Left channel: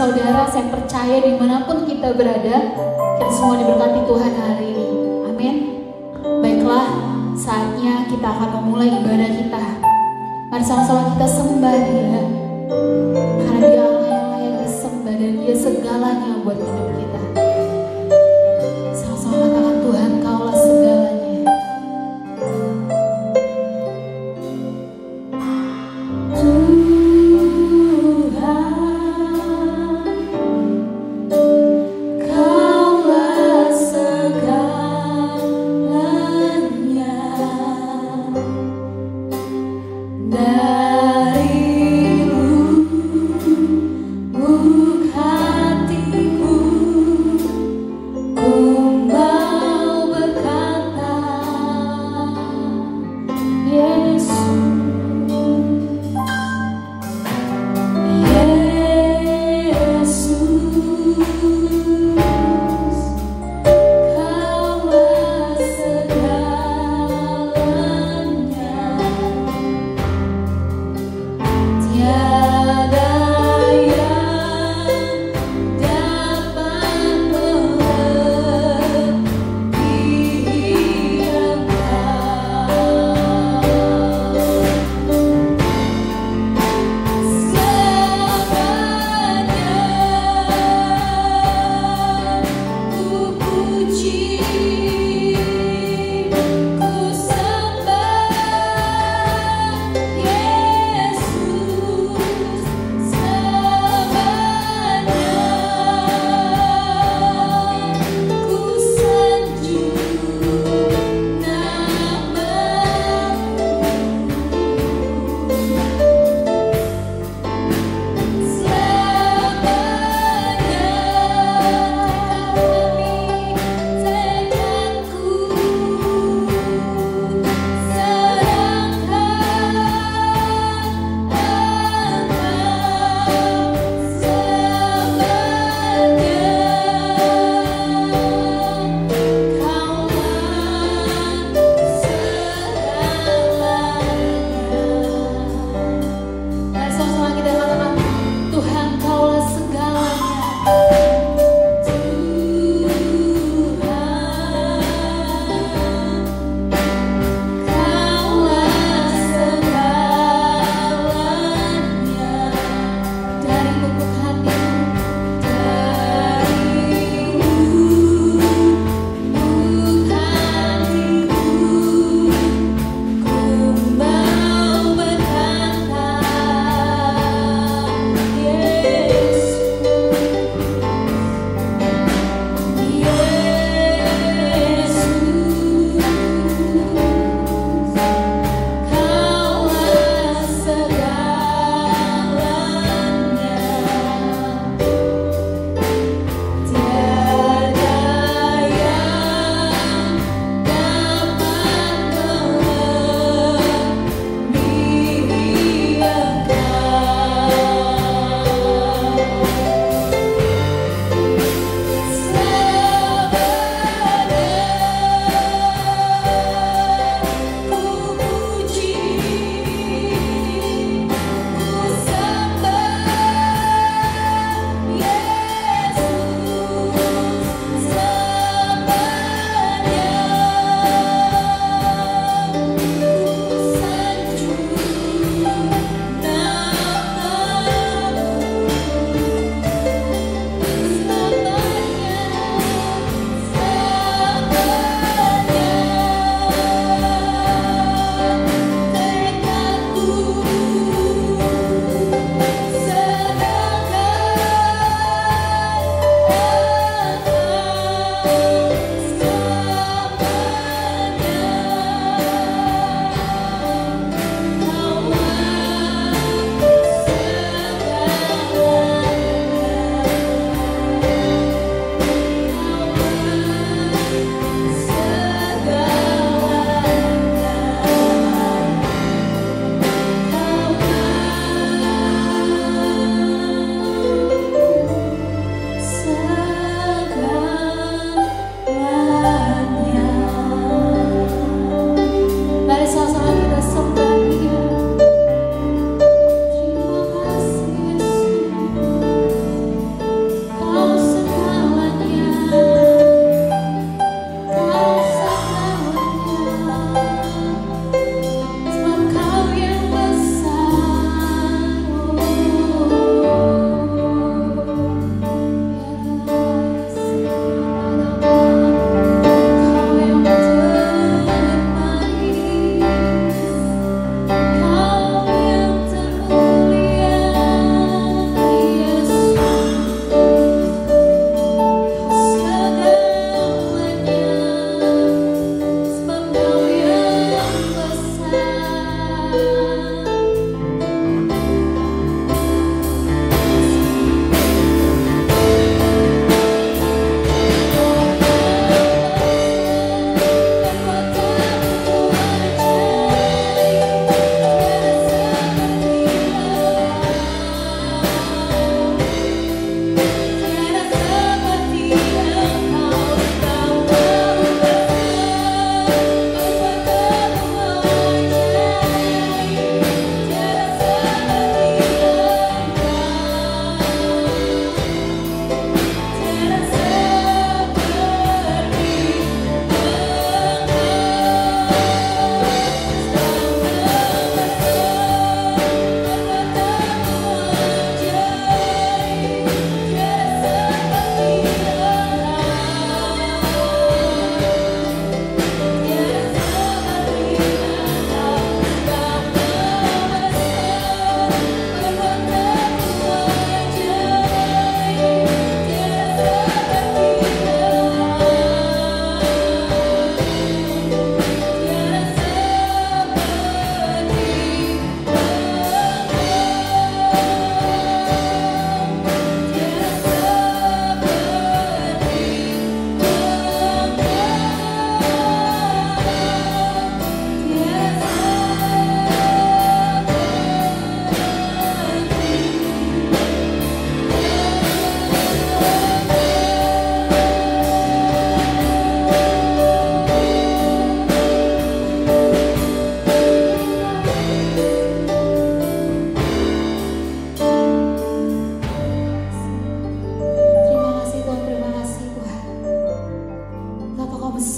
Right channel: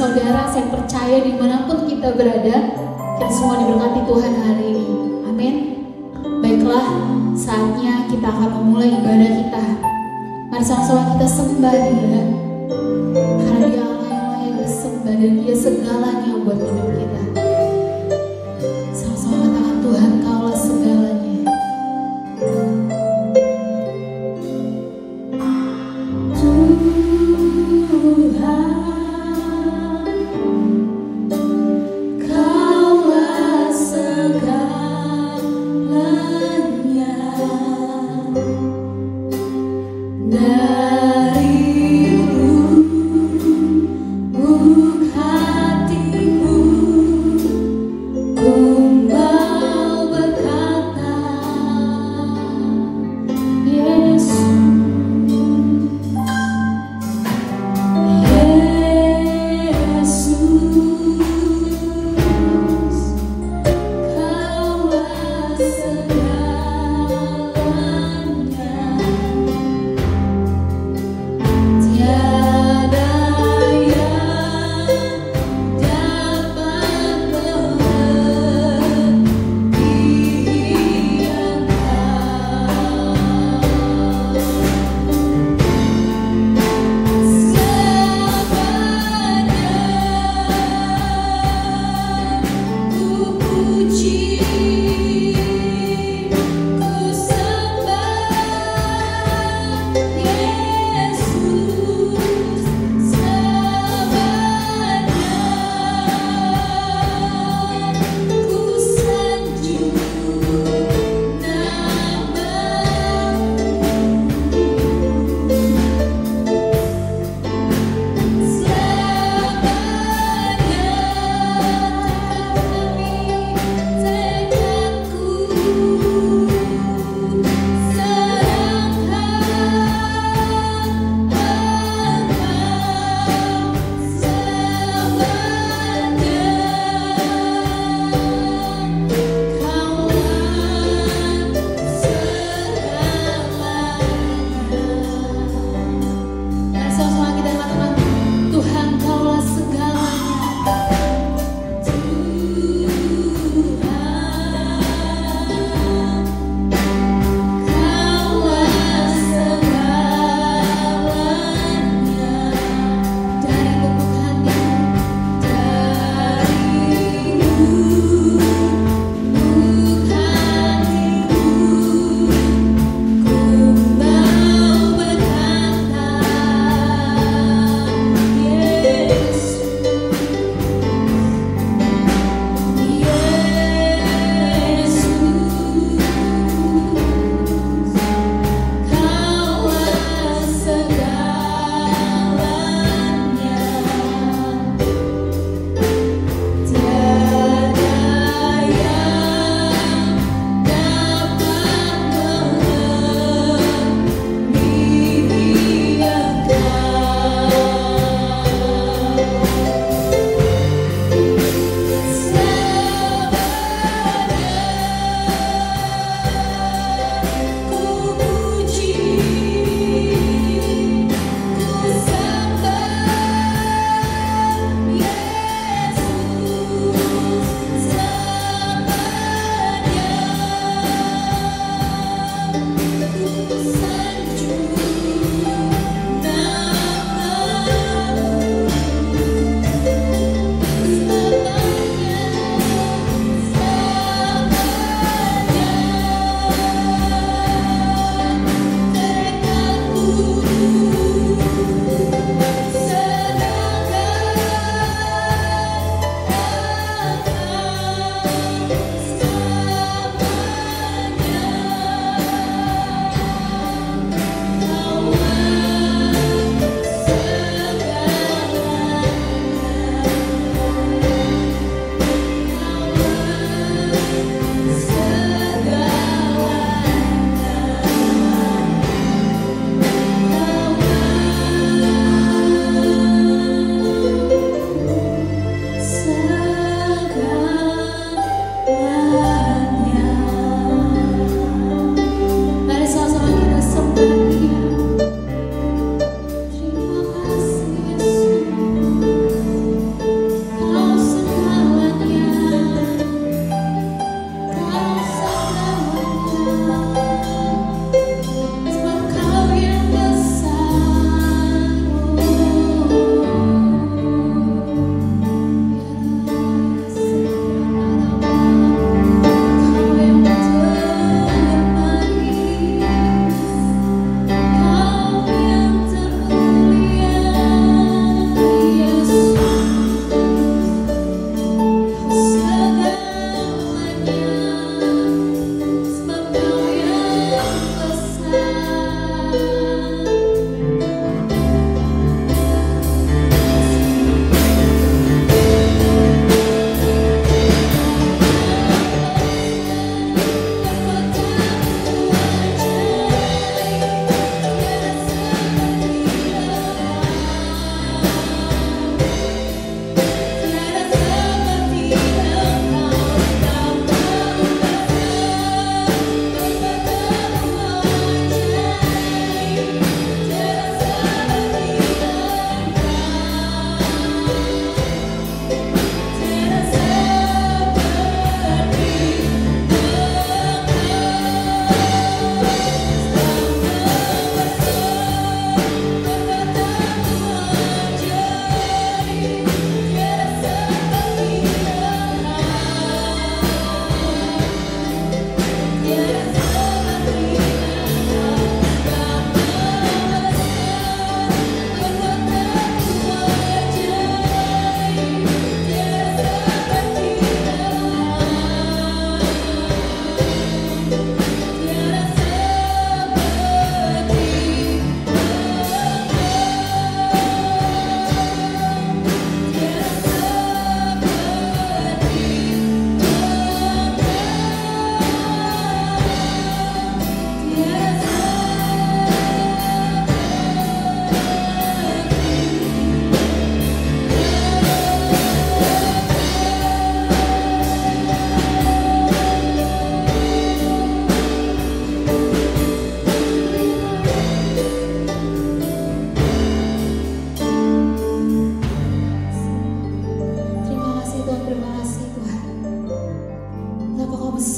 saudara, saya percaya dimanapun kita berada, kita semua diberkati Tuhan hari ini. Amin. Baiklah, saatnya kita akan memulai ibadah kita. Mari sama-sama kita sembah Dia, karena Dia Allah yang layak disembah dan Dia segalanya buat hidup kita. Sama-sama katakan, Tuhan Kaulah segalanya. Hatiku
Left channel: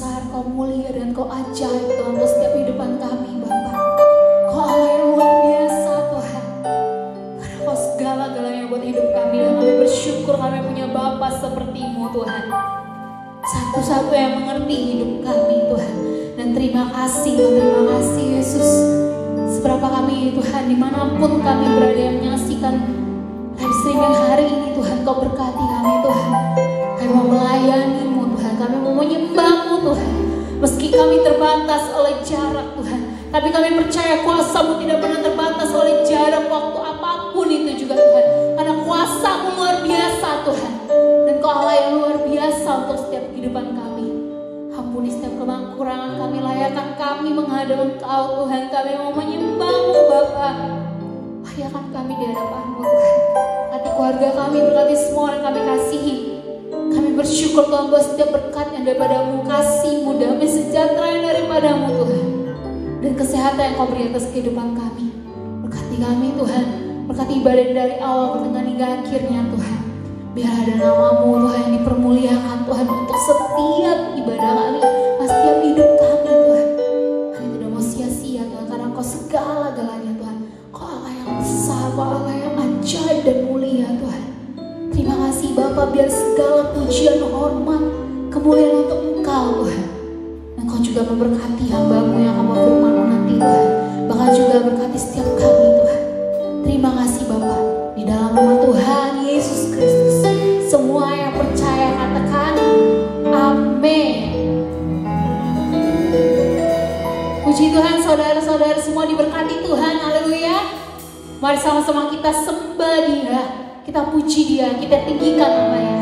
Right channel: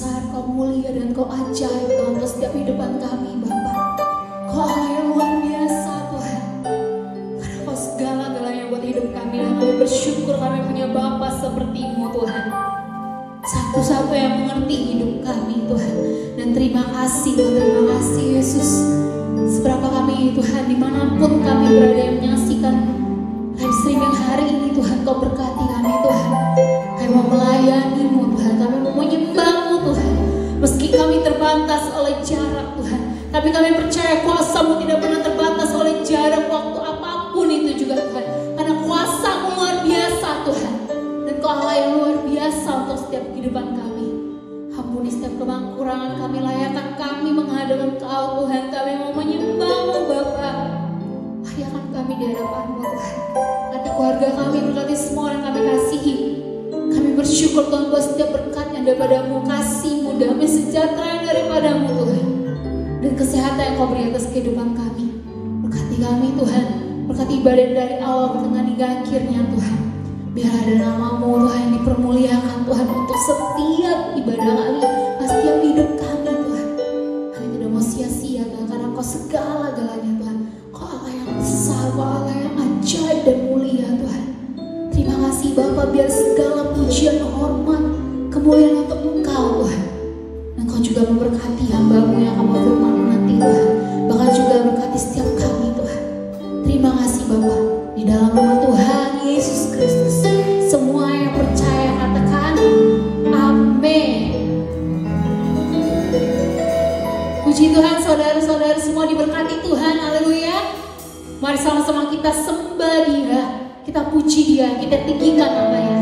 besar, Kau mulia, dan Kau ajaib dalam setiap kehidupan kami, Bapa. Kau Allah yang luar biasa, Tuhan. Karena Kau segala-galanya buat hidup kami, dan kami bersyukur kami punya Bapa seperti-Mu, Tuhan. Satu-satu yang mengerti hidup kami, Tuhan. Dan terima kasih Yesus. Seberapa kami, Tuhan, dimanapun kami berada yang menyaksikan live streaming hari ini, Tuhan, Kau berkati kami, Tuhan. Kami mau melayani-Mu, Tuhan. Kami mau menyembah-Mu, Tuhan. Meski kami terbatas oleh jarak, Tuhan, tapi kami percaya kuasa-Mu tidak pernah terbatas oleh jarak waktu apapun itu juga, Tuhan. Karena kuasa-Mu luar biasa, Tuhan. Dan Kau Allah yang luar biasa untuk setiap kehidupan kami. Ampuni setiap kekurangan kami, layakkan kami menghadap Engkau, Tuhan. Kami mau menyembah-Mu, Bapa. Layakkan kami di hadapan-Mu, Tuhan. Berkati keluarga kami, berkati semua yang kami kasihi. Kami bersyukur, Tuhan, buat setiap berkat yang daripada-Mu, kasih-Mu, damai sejahtera yang daripada-Mu, Tuhan. Dan kesehatan yang Kau beri atas kehidupan kami. Berkati kami, Tuhan. Berkati ibadah dari awal pertengahan hingga akhirnya, Tuhan. Biar ada nama-Mu, Tuhan, yang dipermuliakan, Tuhan, untuk setiap ibadah kami, setiap hidup kami, Tuhan. Kami tidak mau sia-sia, Tuhan, karena Kau segala-galanya, Tuhan. Kau Allah yang besar, Kau Allah yang ajaib dan mulia, Tuhan. Terima kasih, Bapa, biar segala pujian, hormat, kemuliaan untuk Engkau, Tuhan. Engkau juga memberkati hamba-Mu yang akan berfirman nanti, Tuhan. Bahkan juga berkati setiap kami, Tuhan. Terima kasih, Bapa. Di dalam nama Tuhan Yesus Kristus, semua yang percaya katakan amin. Puji Tuhan, saudara-saudara semua diberkati Tuhan, haleluya. Mari sama-sama kita sembah Dia, kita puji Dia, kita tinggikan namanya.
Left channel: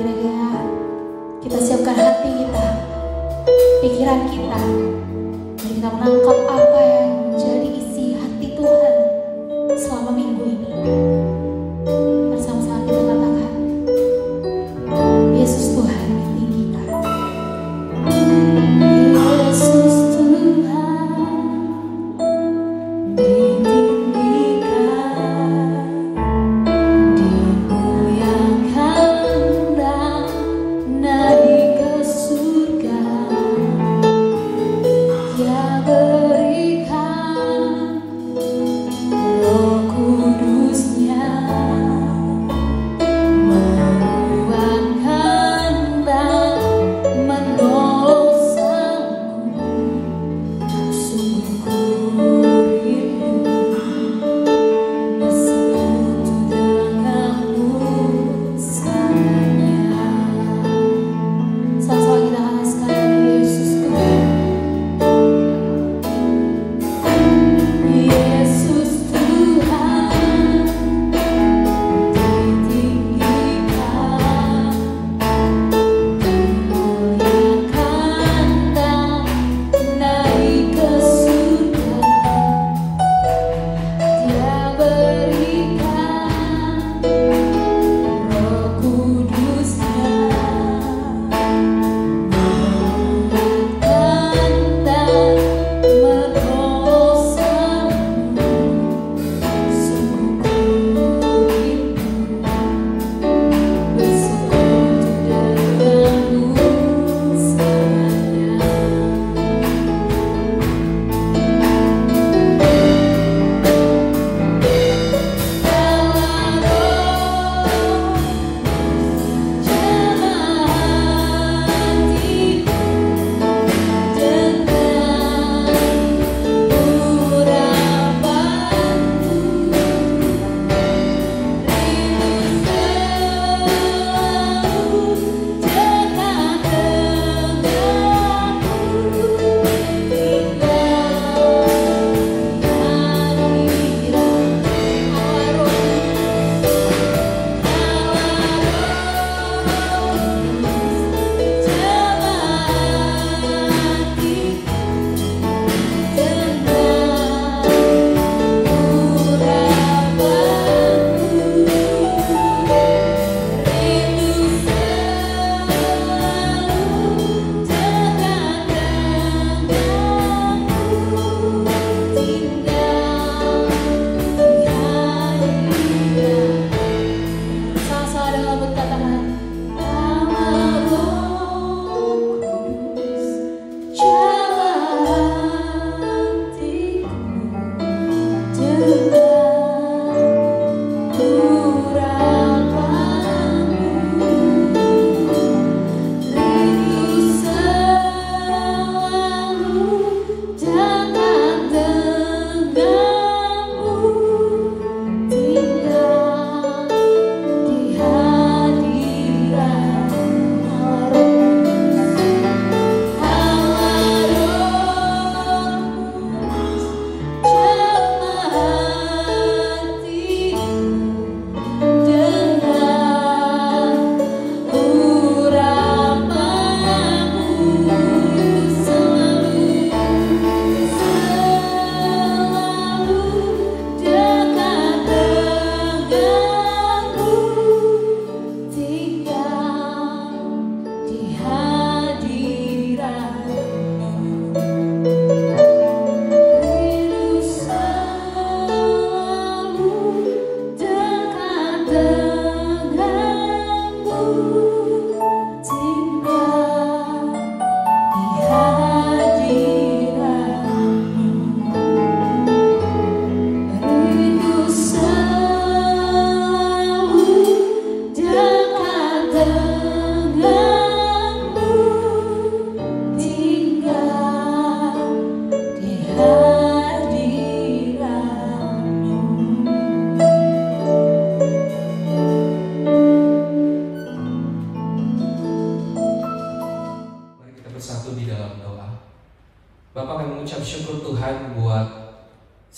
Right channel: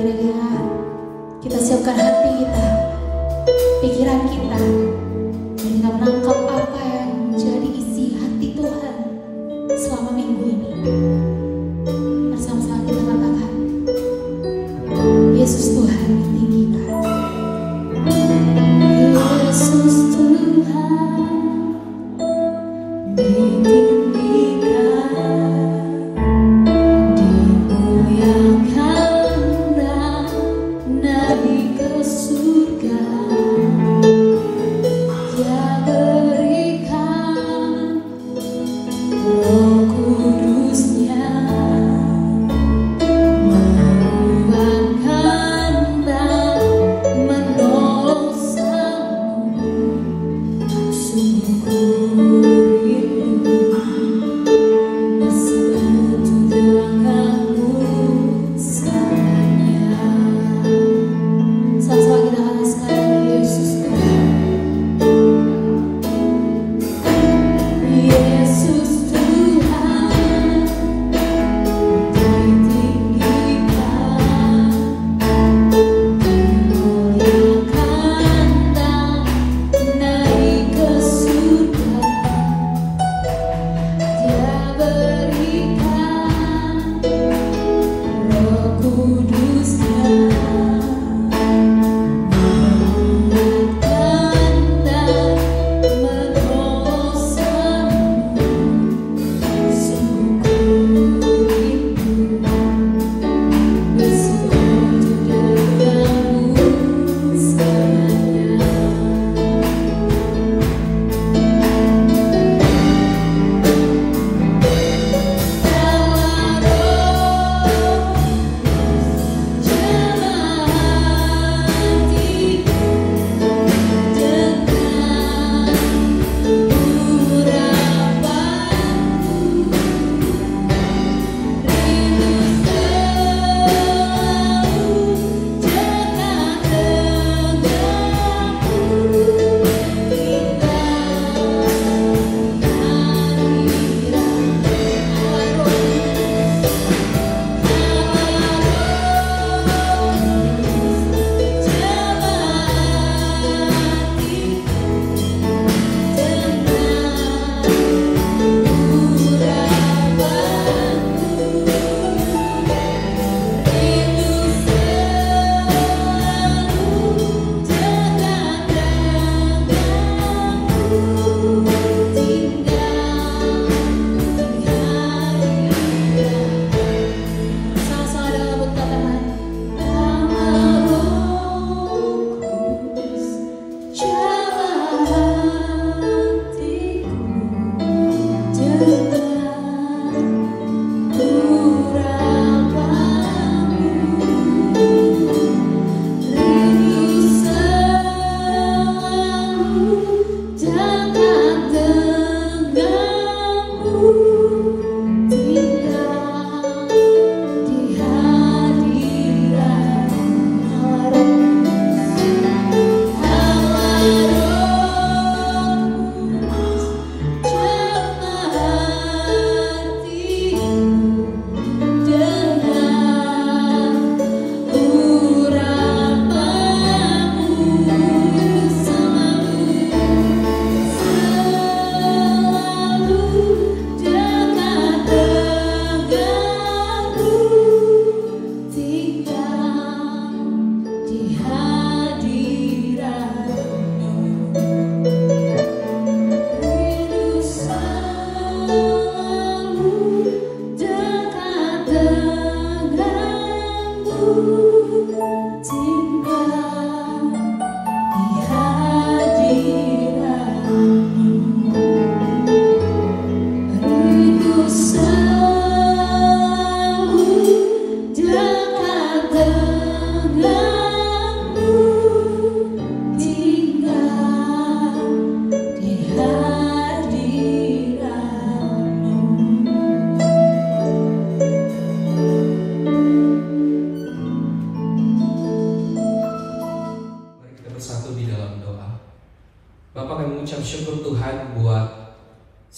kiranya kita siapkan hati kita, pikiran kita, dengan menangkap apa yang menjadi isi hati Tuhan selama minggu ini. Bersama-sama kita katakan, Yesus Tuhan yang tinggi Pak. Yesus Tuhan ditinggikan, dimuliakan dan naik ke surga. Dia berikan Roh Kudusnya, menguatkan dan menolongmu. Sungguh rindu bersekutu denganmu selamanya. Sama-sama kita haluskan Yesus Tuhan. Yesus Tuhan ditinggikan, dimuliakan dan naik ke surga. Dia berikan Roh Kudusnya, menguatkan dan menolongmu. Sungguh rindu bersekutu denganmu selamanya.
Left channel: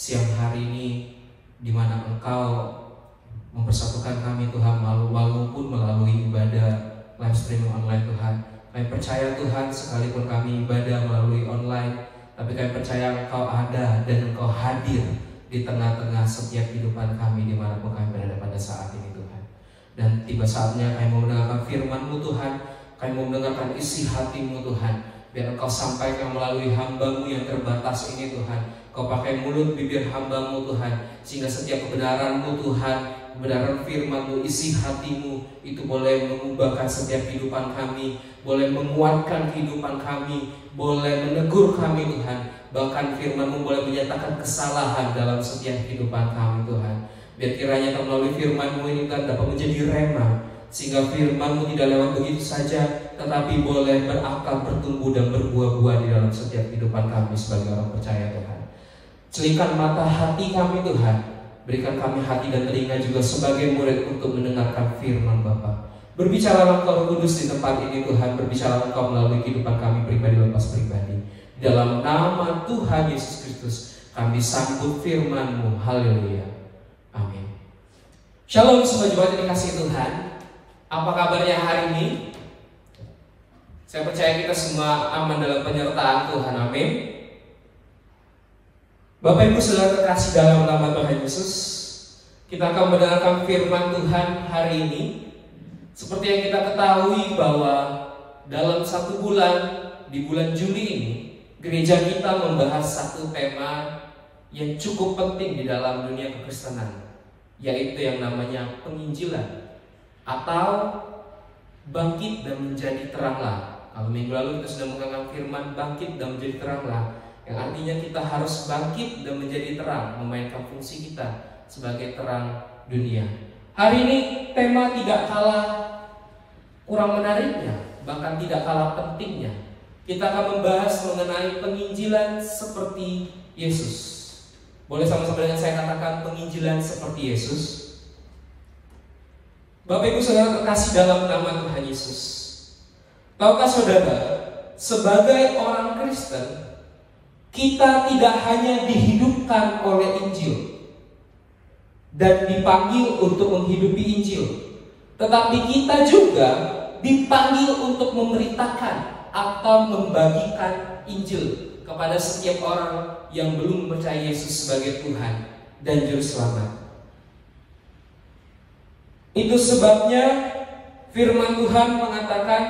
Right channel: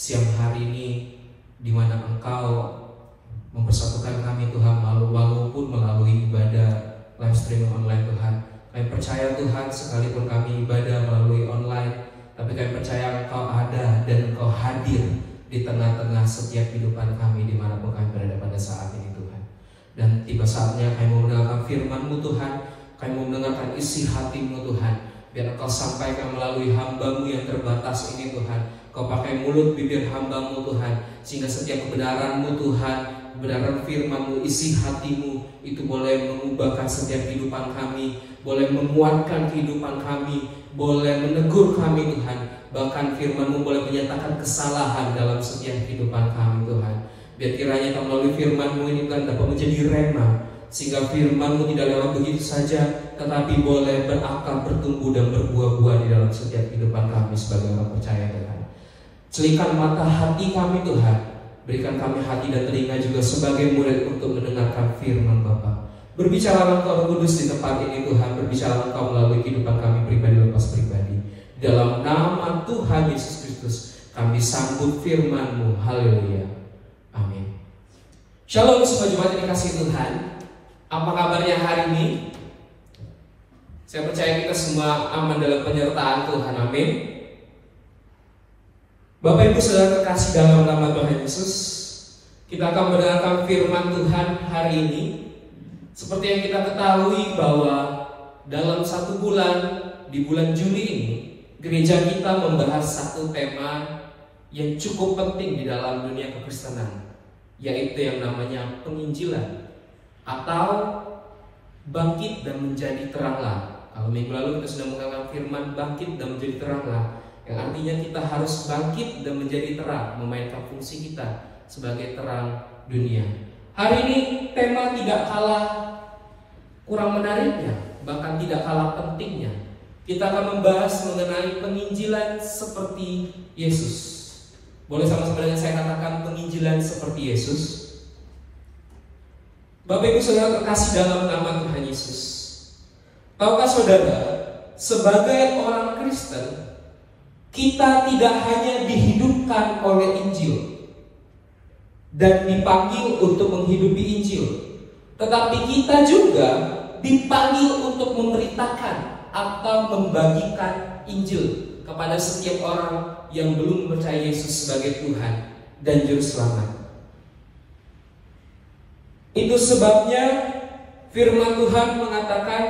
siang hari ini di mana Engkau mempersatukan kami Tuhan, walaupun melalui ibadah percaya Tuhan, sekalipun kami ibadah melalui online, tapi kami percaya Engkau ada dan Engkau hadir di tengah-tengah setiap kehidupan kami dimanapun kami berada pada saat ini Tuhan. Dan tiba saatnya kami mau mendengarkan firman-Mu Tuhan, kami mau mendengarkan isi hati-Mu Tuhan. Biar Engkau sampaikan melalui hamba-Mu yang terbatas ini Tuhan. Kau pakai mulut bibir hamba-Mu Tuhan, sehingga setiap kebenaran-Mu Tuhan, kebenaran firman-Mu, isi hati-Mu itu boleh mengubahkan setiap kehidupan kami, boleh menguatkan kehidupan kami, boleh menegur kami Tuhan. Bahkan firman-Mu boleh menyatakan kesalahan dalam setiap kehidupan kami Tuhan. Biar kiranya Kau melalui firman-Mu ini Tuhan dapat menjadi rema, sehingga firman-Mu tidak lewat begitu saja, tetapi boleh berakar, bertumbuh dan berbuah-buah di dalam setiap kehidupan kami sebagai orang percaya Tuhan. Celingkan mata hati kami Tuhan, berikan kami hati dan telinga juga sebagai murid untuk mendengarkan firman Bapa. Berbicara Engkau Roh Kudus di tempat ini Tuhan, berbicara Engkau melalui kehidupan kami pribadi lepas pribadi. Dalam nama Tuhan Yesus Kristus kami sambut firman-Mu. Haleluya. Amin. Shalom semua jemaat yang dikasihi Tuhan. Apa kabarnya hari ini? Saya percaya kita semua aman dalam penyertaan Tuhan. Amin. Bapak Ibu Saudara terkasih dalam nama Tuhan Yesus, kita akan mendengarkan firman Tuhan hari ini. Seperti yang kita ketahui bahwa dalam satu bulan, di bulan Juli ini, gereja kita membahas satu tema yang cukup penting di dalam dunia kekristenan, yaitu yang namanya penginjilan atau bangkit dan menjadi teranglah. Kalau minggu lalu kita sudah mengangkat firman bangkit dan menjadi teranglah, yang artinya kita harus bangkit dan menjadi terang, memainkan fungsi kita sebagai terang dunia. Hari ini tema tidak kalah kurang menariknya, bahkan tidak kalah pentingnya. Kita akan membahas mengenai penginjilan seperti Yesus. Boleh sama-sama dengan saya katakan penginjilan seperti Yesus? Bapak Ibu Saudara terkasih dalam nama Tuhan Yesus, tahukah saudara, sebagai orang Kristen, kita tidak hanya dihidupkan oleh Injil dan dipanggil untuk menghidupi Injil, tetapi kita juga dipanggil untuk memberitakan atau membagikan Injil kepada setiap orang yang belum percaya Yesus sebagai Tuhan dan Juru Selamat. Itu sebabnya firman Tuhan mengatakan,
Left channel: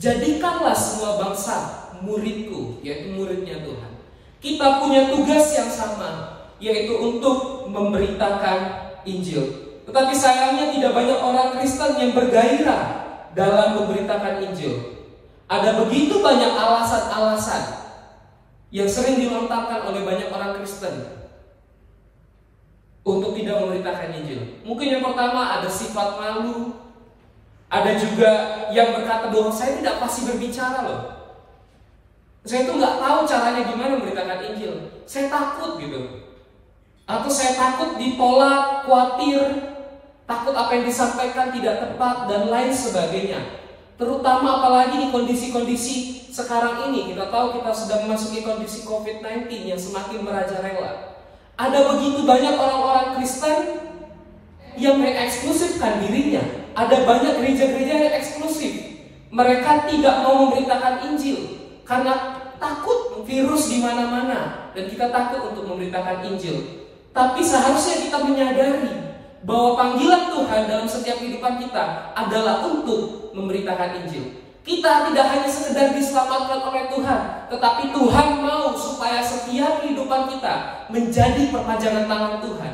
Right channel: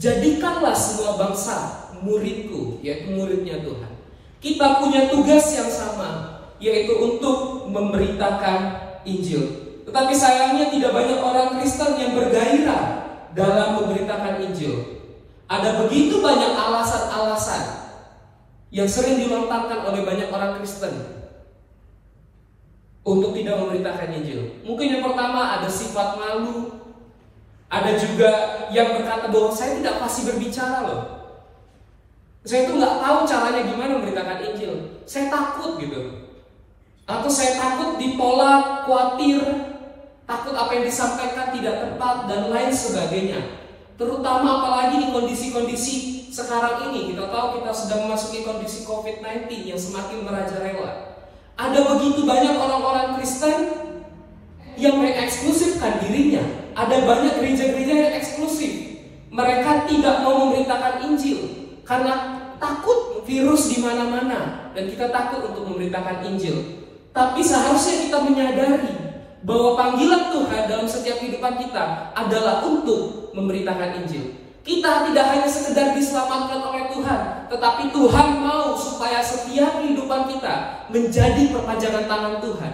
jadikanlah semua bangsa muridku, yaitu muridnya Tuhan. Kita punya tugas yang sama, yaitu untuk memberitakan Injil. Tetapi sayangnya tidak banyak orang Kristen yang bergairah dalam memberitakan Injil. Ada begitu banyak alasan-alasan yang sering dilontarkan oleh banyak orang Kristen untuk tidak memberitakan Injil. Mungkin yang pertama ada sifat malu. Ada juga yang berkata bahwa saya tidak pasti berbicara loh. Saya itu nggak tahu caranya gimana memberitakan Injil. Saya takut gitu. Atau saya takut ditolak, khawatir, takut apa yang disampaikan tidak tepat dan lain sebagainya. Terutama apalagi di kondisi-kondisi sekarang ini. Kita tahu kita sudah memasuki kondisi COVID-19 yang semakin merajalela. Ada begitu banyak orang-orang Kristen yang mengeksklusifkan dirinya. Ada banyak gereja-gereja yang eksklusif. Mereka tidak mau memberitakan Injil karena takut virus di mana-mana dan kita takut untuk memberitakan Injil. Tapi seharusnya kita menyadari bahwa panggilan Tuhan dalam setiap kehidupan kita adalah untuk memberitakan Injil. Kita tidak hanya sekedar diselamatkan oleh Tuhan, tetapi Tuhan mau supaya setiap kehidupan kita menjadi perpanjangan tangan Tuhan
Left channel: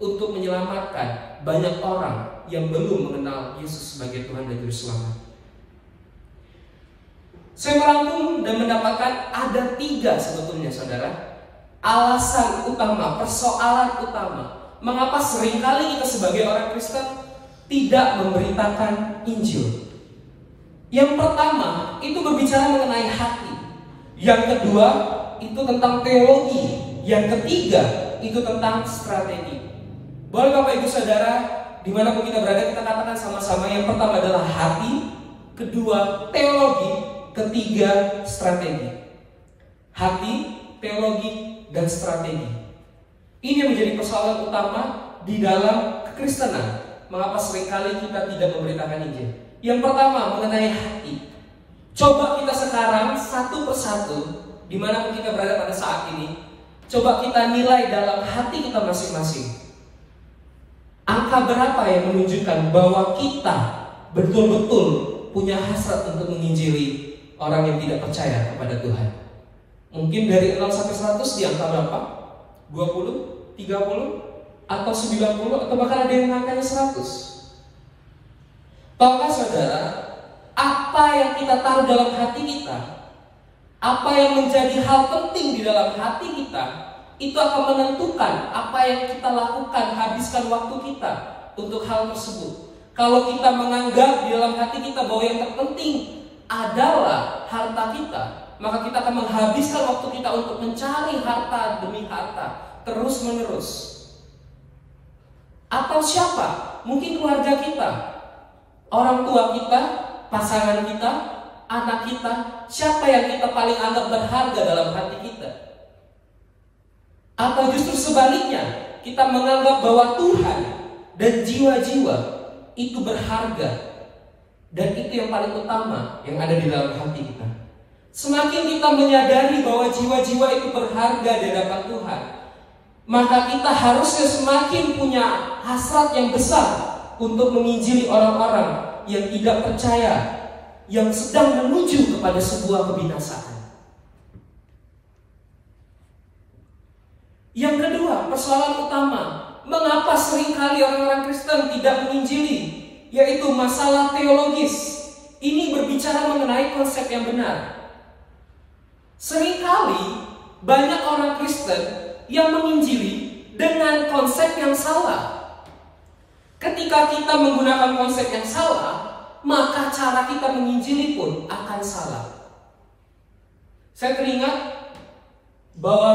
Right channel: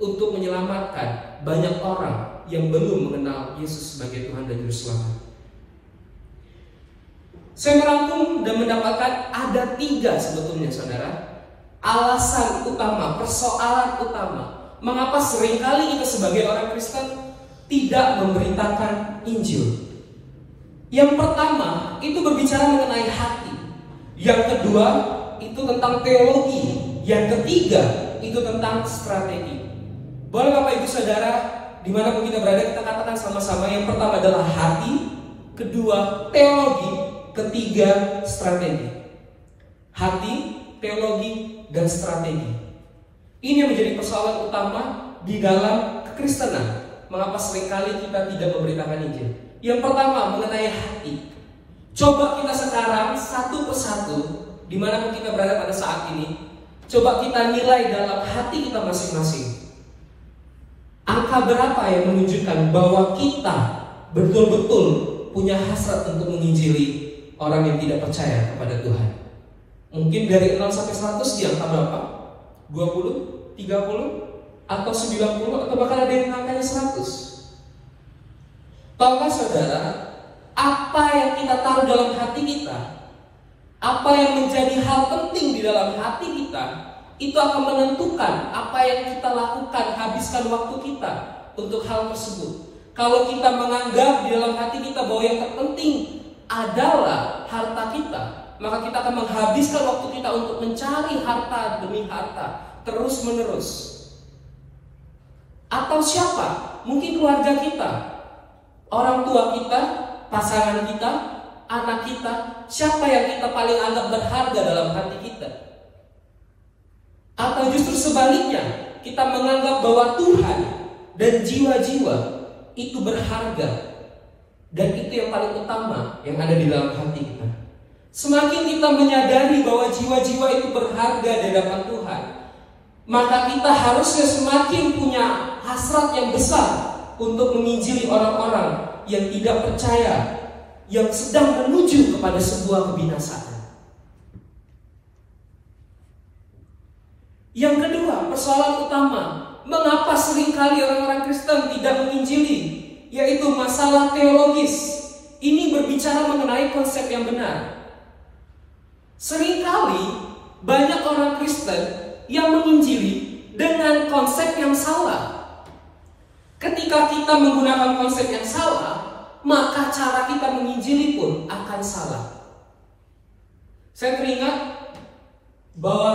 untuk menyelamatkan banyak orang yang belum mengenal Yesus sebagai Tuhan dan Juru Selamat. Saya merangkum dan mendapatkan ada 3 sebetulnya saudara, alasan utama, persoalan utama mengapa seringkali kita sebagai orang Kristen tidak memberitakan Injil. Yang pertama itu berbicara mengenai hati. Yang kedua itu tentang teologi. Yang ketiga itu tentang strategi. Boleh Bapak Ibu Saudara, dimanapun kita berada, kita katakan sama-sama. Yang pertama adalah hati, kedua teologi, ketiga strategi. Hati, teologi, dan strategi. Ini yang menjadi persoalan utama di dalam kekristenan. Mengapa seringkali kita tidak memberitakan Injil? Yang pertama mengenai hati. Coba kita sekarang satu persatu, dimanapun kita berada pada saat ini, coba kita nilai dalam hati kita masing-masing. Angka berapa yang menunjukkan bahwa kita betul-betul punya hasrat untuk menginjili orang yang tidak percaya kepada Tuhan? Mungkin dari 0 sampai 100 di angka berapa? 20, 30, atau 90, atau bahkan ada yang angkanya 100. Tahukah saudara, apa yang kita taruh dalam hati kita, apa yang menjadi hal penting di dalam hati kita, itu akan menentukan apa yang kita lakukan, habiskan waktu kita untuk hal tersebut. Kalau kita menganggap di dalam hati kita bahwa yang terpenting adalah harta kita, maka kita akan menghabiskan waktu kita untuk mencari harta demi harta terus menerus. Atau siapa? Mungkin keluarga kita, orang tua kita, pasangan kita, anak kita. Siapa yang kita paling anggap berharga dalam hati kita? Atau justru sebaliknya, kita menganggap bahwa Tuhan dan jiwa-jiwa itu berharga, dan itu yang paling utama yang ada di dalam hati kita. Semakin kita menyadari bahwa jiwa-jiwa itu berharga di hadapan Tuhan, maka kita harusnya semakin punya hasrat yang besar untuk menginjili orang-orang yang tidak percaya, yang sedang menuju kepada sebuah kebinasaan. Yang kedua, persoalan utama, mengapa seringkali orang-orang Kristen tidak menginjili, yaitu masalah teologis. Ini berbicara mengenai konsep yang benar. Seringkali banyak orang Kristen yang menginjili dengan konsep yang salah. Ketika kita menggunakan konsep yang salah, maka cara kita menginjili pun akan salah. Saya teringat bahwa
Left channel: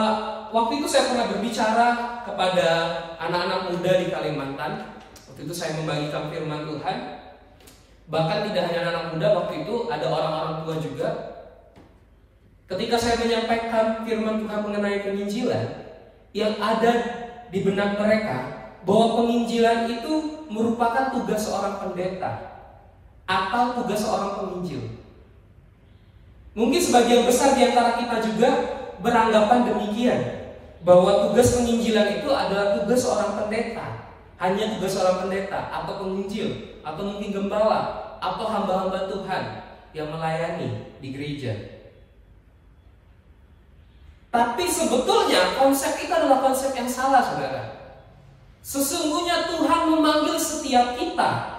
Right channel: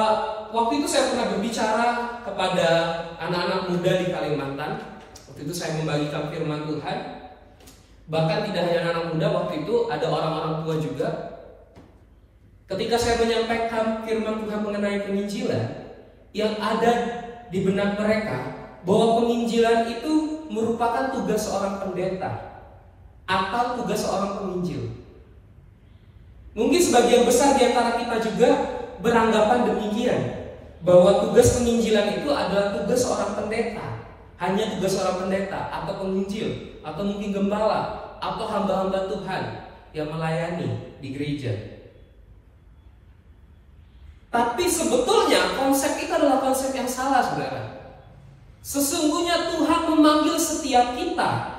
waktu itu saya pernah berbicara kepada anak-anak muda di Kalimantan. Waktu itu saya membagikan firman Tuhan. Bahkan tidak hanya anak-anak muda, waktu itu ada orang-orang tua juga. Ketika saya menyampaikan firman Tuhan mengenai penginjilan, yang ada di benak mereka bahwa penginjilan itu merupakan tugas seorang pendeta atau tugas seorang penginjil. Mungkin sebagian besar di antara kita juga beranggapan demikian, bahwa tugas penginjilan itu adalah tugas seorang pendeta, hanya tugas seorang pendeta atau penginjil, atau mungkin gembala atau hamba-hamba Tuhan yang melayani di gereja. Tapi sebetulnya konsep itu adalah konsep yang salah, saudara. Sesungguhnya Tuhan memanggil setiap kita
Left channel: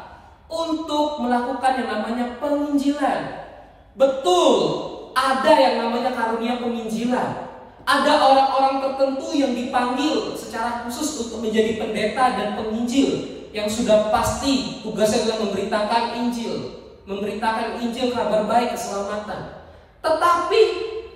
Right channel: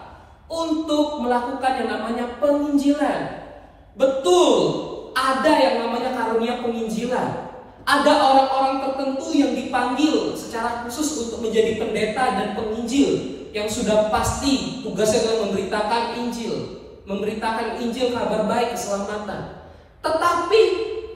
untuk melakukan yang namanya penginjilan. Betul, ada yang namanya karunia penginjilan. Ada orang-orang tertentu yang dipanggil secara khusus untuk menjadi pendeta dan penginjil, yang sudah pasti tugasnya adalah memberitakan Injil, memberitakan Injil, kabar baik, keselamatan. Tetapi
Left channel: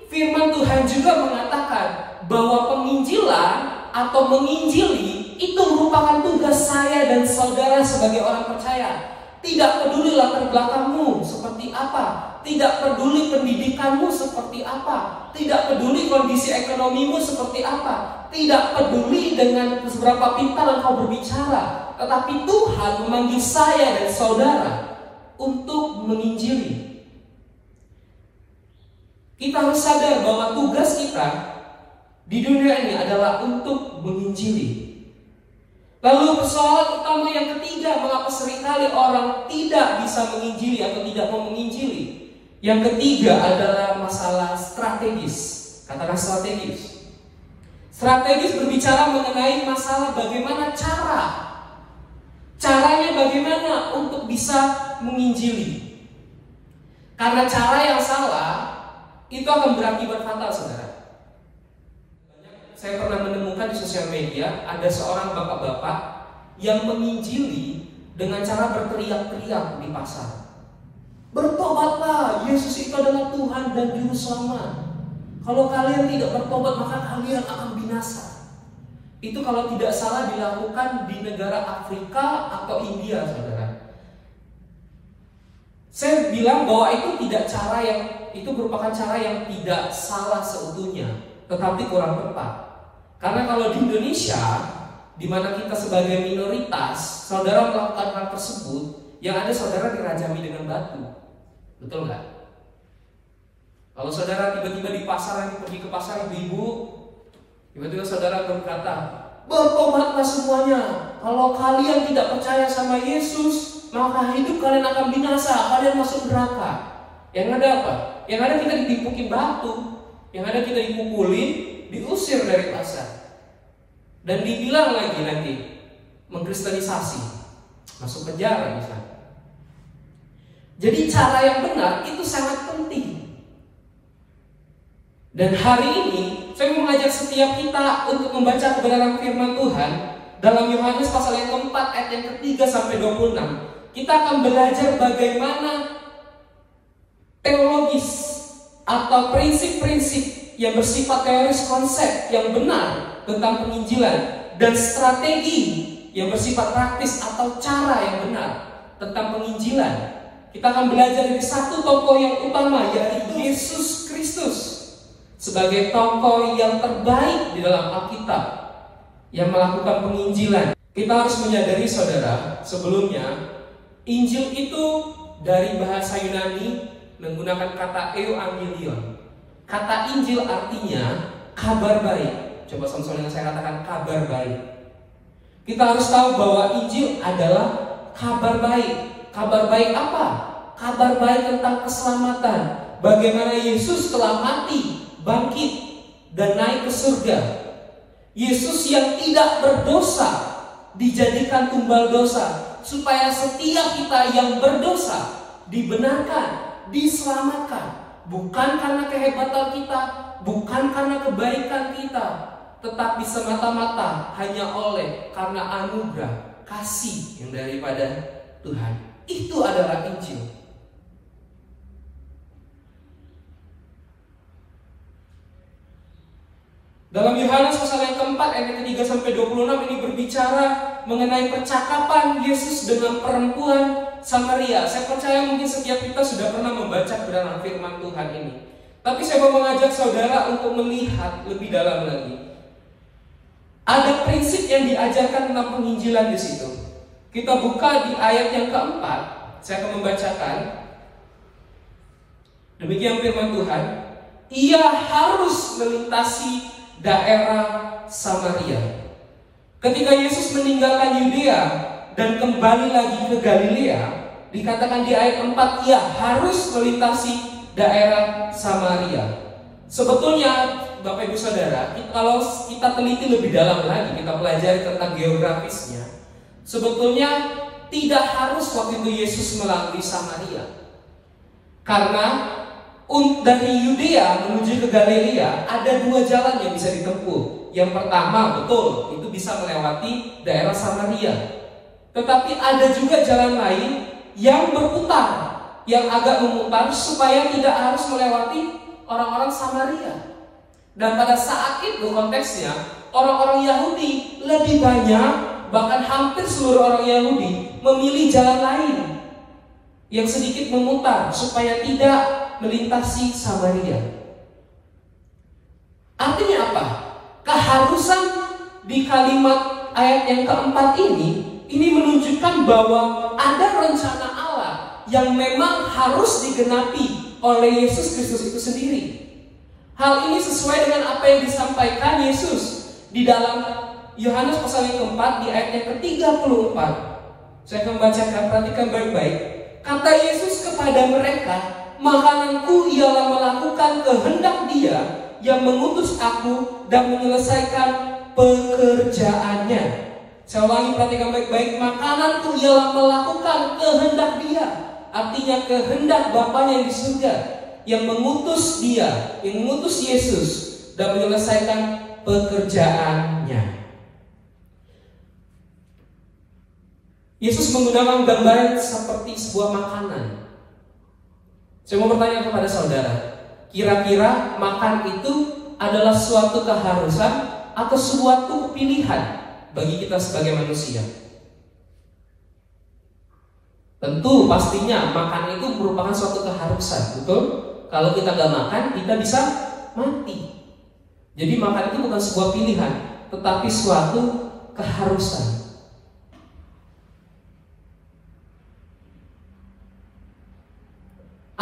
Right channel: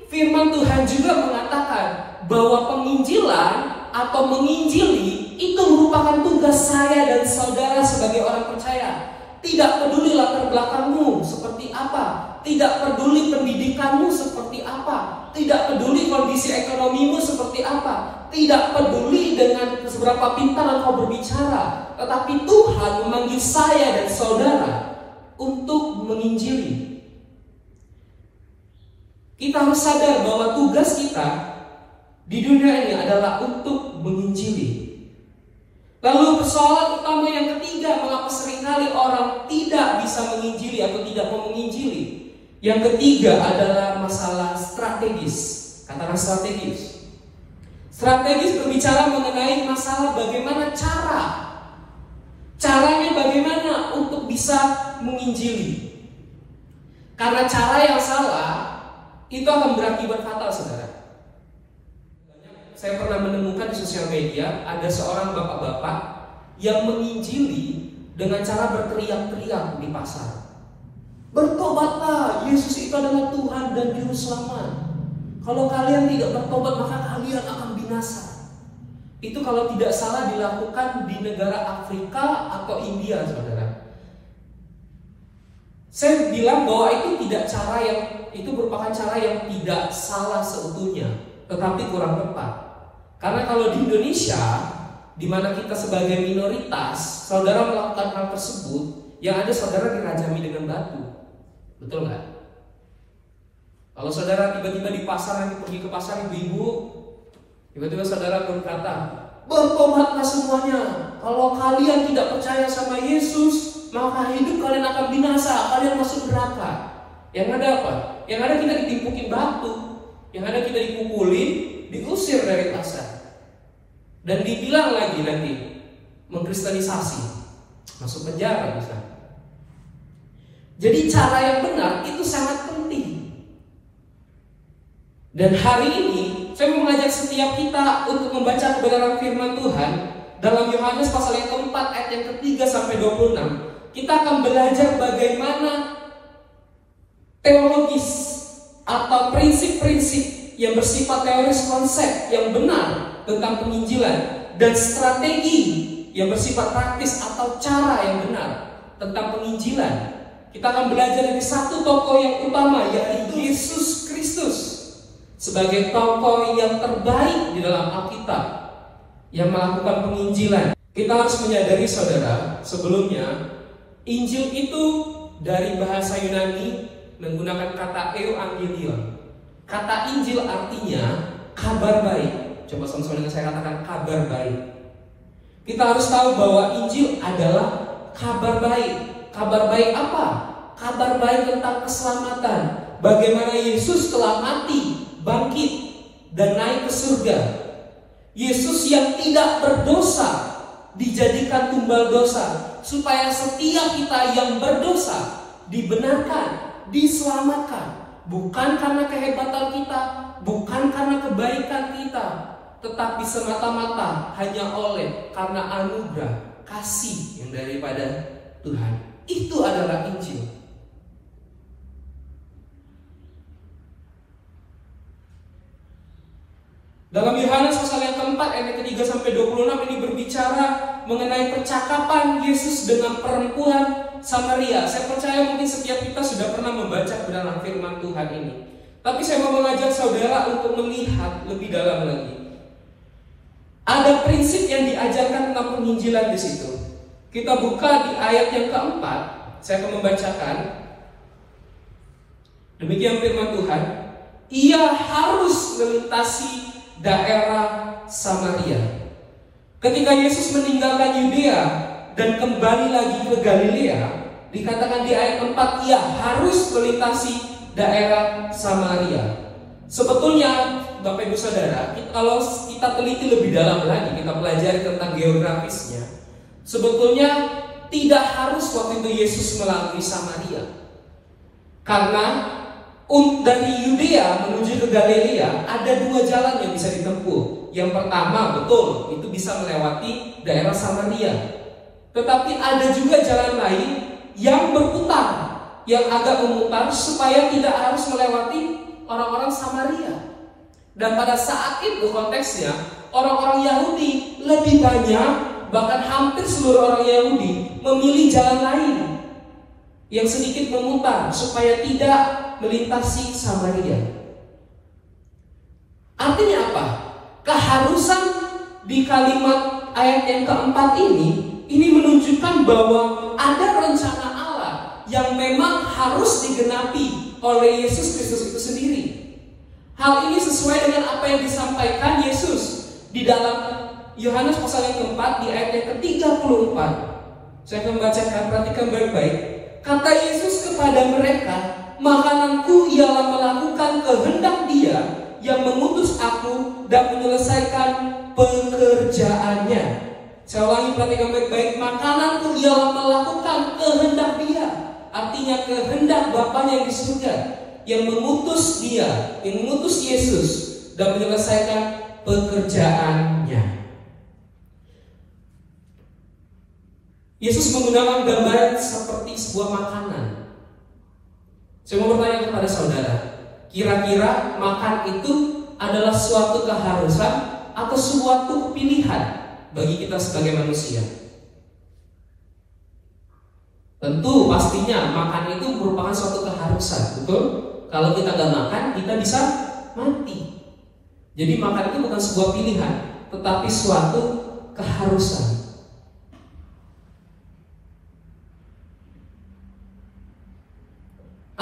firman Tuhan juga mengatakan bahwa penginjilan atau menginjili itu merupakan tugas saya dan saudara sebagai orang percaya. Tidak peduli latar belakangmu seperti apa, tidak peduli pendidikanmu seperti apa, tidak peduli kondisi ekonomimu seperti apa, tidak peduli dengan seberapa pintar engkau berbicara, tetapi Tuhan memanggil saya dan saudara untuk menginjili. Kita harus sadar bahwa tugas kita di dunia ini adalah untuk menginjili. Lalu persoalan utama yang ketiga, mengapa seringkali orang tidak bisa menginjili atau tidak mau menginjili? Yang ketiga adalah masalah strategis. Katakan strategis. Strategis berbicara mengenai masalah bagaimana caranya bagaimana untuk bisa menginjili. Karena cara yang salah itu akan berakibat fatal, saudara. Saya pernah menemukan di sosial media ada seorang bapak-bapak yang menginjili dengan cara berteriak-teriak di pasar. Bertobatlah, Yesus itu adalah Tuhan dan Juru Selamat. Kalau kalian tidak bertobat, maka kalian akan binasa. Itu kalau tidak salah dilakukan di negara Afrika atau India, saudara. Saya bilang bahwa itu merupakan cara yang tidak salah seutuhnya, tetapi kurang tepat. Karena kalau di Indonesia, di mana kita sebagai minoritas, saudara melakukan hal tersebut, yang ada saudara dirajami dengan batu. Betul nggak? Kalau saudara tiba-tiba di pasar, lagi pergi ke pasar ibu-ibu, tiba-tiba saudara berkata, bertobatlah semuanya. Kalau kalian tidak percaya sama Yesus, maka hidup kalian akan binasa, kalian masuk neraka. Yang ada apa? Yang ada kita ditimpukin batu, yang ada kita dipukulin, diusir dari pasar. Dan dibilang lagi nanti mengkristenisasi, masuk penjara misalnya. Jadi cara yang benar itu sangat penting. Dan hari ini saya mengajak setiap kita untuk membaca kebenaran firman Tuhan dalam Yohanes pasal yang keempat ayat yang ketiga sampai 26. Kita akan belajar bagaimana teologis atau prinsip-prinsip yang bersifat teoris konsep yang benar tentang penginjilan dan strategi yang bersifat praktis atau cara yang benar tentang penginjilan. Kita akan belajar dari satu tokoh yang utama, yaitu Yesus Kristus, sebagai tokoh yang terbaik di dalam Alkitab yang melakukan penginjilan. Kita harus menyadari saudara, sebelumnya Injil itu dari bahasa Yunani menggunakan kata euangelion. Kata Injil artinya kabar baik. Coba sama-sama dengan saya katakan kabar baik. Kita harus tahu bahwa Injil adalah kabar baik. Kabar baik apa? Kabar baik tentang keselamatan. Bagaimana Yesus telah mati, bangkit, dan naik ke surga. Yesus yang tidak berdosa dijadikan tumbal dosa, supaya setiap kita yang berdosa dibenarkan, diselamatkan. Bukan karena kehebatan kita, bukan karena kebaikan kita, tetapi semata-mata hanya oleh karena anugerah kasih yang daripada Tuhan. Itu adalah Injil. Dalam Yohanes pasal yang keempat ayat ketiga sampai 26 ini berbicara mengenai percakapan Yesus dengan perempuan Samaria. Saya percaya mungkin setiap kita sudah pernah membaca kebenaran firman Tuhan ini. Tapi saya mau mengajak saudara untuk melihat lebih dalam lagi. Ada prinsip yang diajarkan tentang penginjilan di situ. Kita buka di ayat yang keempat. Saya akan membacakan. Demikian firman Tuhan. Ia harus melintasi daerah Samaria. Ketika Yesus meninggalkan Yudea dan kembali lagi ke Galilea, dikatakan di ayat 4, ia harus melintasi daerah Samaria. Sebetulnya Bapak Ibu Saudara, kalau kita teliti lebih dalam lagi, kita pelajari tentang geografisnya, sebetulnya tidak harus waktu itu Yesus melalui Samaria. Karena dari Yudea menuju ke Galilea ada dua jalan yang bisa ditempuh. Yang pertama, betul, itu bisa melewati daerah Samaria. Tetapi ada juga jalan lain yang berputar, yang agak memutar supaya tidak harus melewati orang-orang Samaria. Dan pada saat itu konteksnya, orang-orang Yahudi lebih banyak, bahkan hampir seluruh orang Yahudi memilih jalan lain yang sedikit memutar supaya tidak melintasi Samaria. Artinya apa? Keharusan di kalimat ayat yang keempat ini menunjukkan bahwa ada rencana Allah yang memang harus digenapi oleh Yesus Kristus itu sendiri. Hal ini sesuai dengan apa yang disampaikan Yesus di dalam Yohanes pasal yang keempat di ayat yang ke-34. Saya akan membacakan, perhatikan baik-baik. Kata Yesus kepada mereka, makananku ialah melakukan kehendak Dia yang mengutus aku dan menyelesaikan pekerjaannya. Saya ulangi, perhatikan baik-baik. Makananku ialah melakukan kehendak Dia, artinya kehendak Bapanya yang di surga, yang mengutus Dia, yang mengutus Yesus dan menyelesaikan pekerjaannya. Yesus menggunakan gambaran seperti sebuah makanan. Saya mau bertanya kepada saudara, kira-kira makan itu adalah suatu keharusan atau suatu pilihan bagi kita sebagai manusia? Tentu pastinya makan itu merupakan suatu keharusan, betul? Kalau kita gak makan, kita bisa mati. Jadi makan itu bukan sebuah pilihan, tetapi suatu keharusan.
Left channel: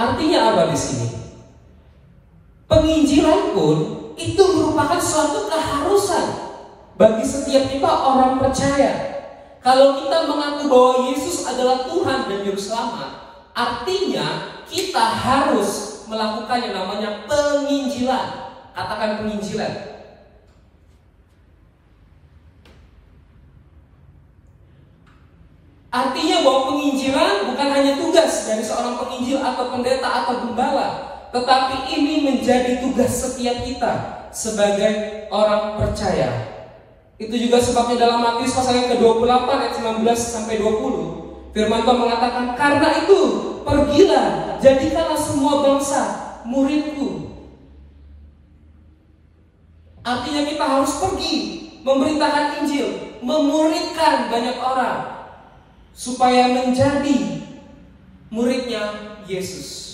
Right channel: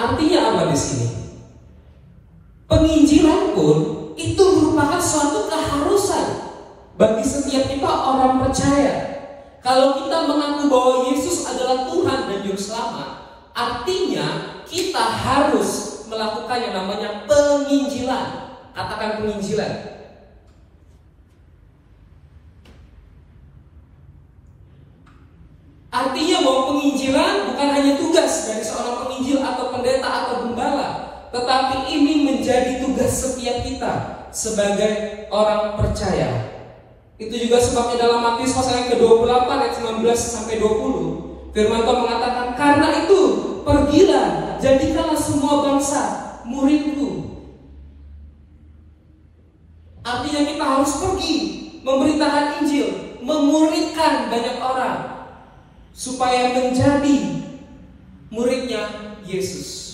Artinya apa di sini? Penginjilan pun itu merupakan suatu keharusan bagi setiap kita orang percaya. Kalau kita mengaku bahwa Yesus adalah Tuhan dan Juru Selamat, artinya kita harus melakukan yang namanya penginjilan. Katakan penginjilan. Artinya bahwa penginjilan bukan hanya tugas dari seorang penginjil atau pendeta atau gembala, tetapi ini menjadi tugas setiap kita sebagai orang percaya. Itu juga sebabnya dalam Matius pasal yang ke-28 ayat 19 sampai 20, firman Tuhan mengatakan, karena itu pergilah, jadikanlah semua bangsa muridku. Artinya kita harus pergi memberitakan Injil, memuridkan banyak orang supaya menjadi muridnya Yesus.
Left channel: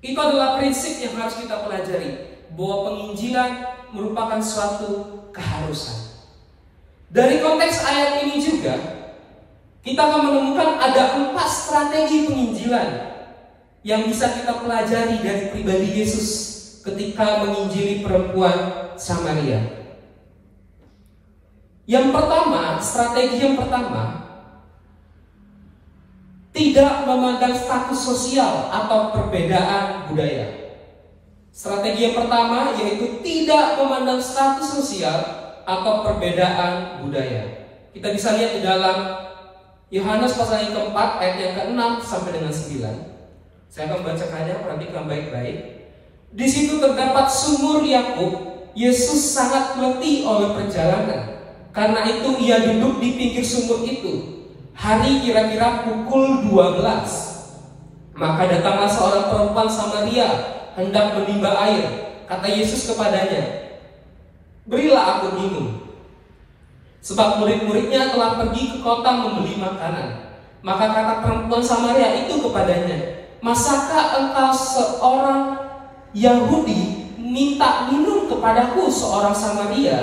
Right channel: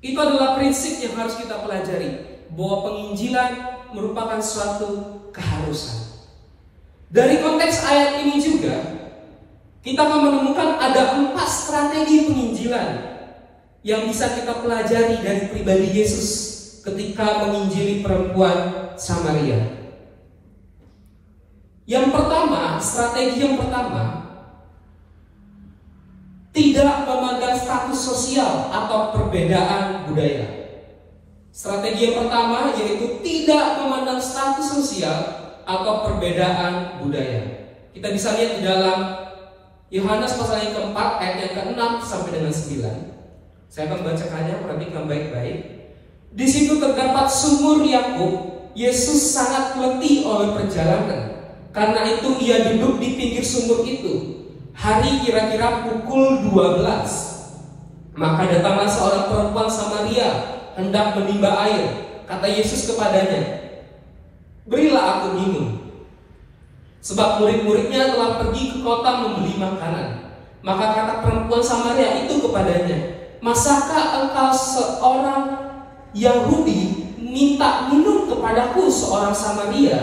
Itu adalah prinsip yang harus kita pelajari, bahwa penginjilan merupakan suatu keharusan. Dari konteks ayat ini juga kita akan menemukan ada 4 strategi penginjilan yang bisa kita pelajari dari pribadi Yesus ketika menginjili perempuan Samaria. Yang pertama, strategi yang pertama, tidak memandang status sosial atau perbedaan budaya. Strategi yang pertama yaitu tidak memandang status sosial atau perbedaan budaya. Kita bisa lihat di dalam Yohanes pasal yang keempat ayat yang ke-6 sampai dengan 9. Saya akan bacakannya, perhatikan baik-baik. Di situ terdapat sumur Yakub. Yesus sangat letih oleh perjalanan. Karena itu ia duduk di pinggir sumur itu. Hari kira-kira pukul 12. Maka datanglah seorang perempuan Samaria hendak menimba air. Kata Yesus kepadanya, berilah aku minum. Sebab murid-muridnya telah pergi ke kota membeli makanan. Maka kata perempuan Samaria itu kepadanya, masakah engkau seorang Yahudi minta minum kepadaku seorang Samaria?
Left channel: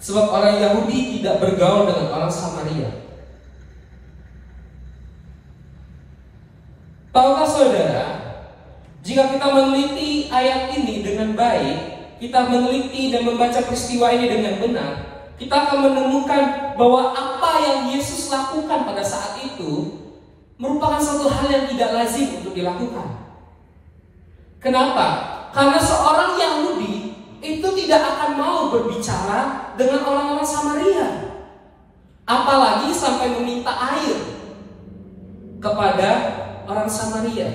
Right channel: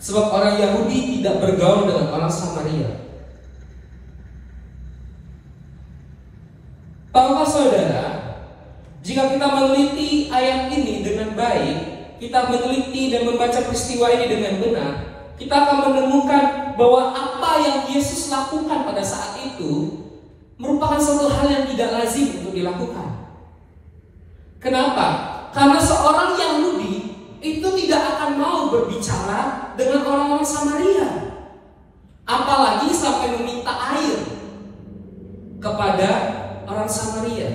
Sebab orang Yahudi tidak bergaul dengan orang Samaria. Tahukah saudara, jika kita meneliti ayat ini dengan baik, kita meneliti dan membaca peristiwa ini dengan benar, kita akan menemukan bahwa apa yang Yesus lakukan pada saat itu merupakan suatu hal yang tidak lazim untuk dilakukan. Kenapa? Karena seorang Yahudi itu tidak akan mau berbicara dengan orang-orang Samaria, apalagi sampai meminta air kepada orang Samaria.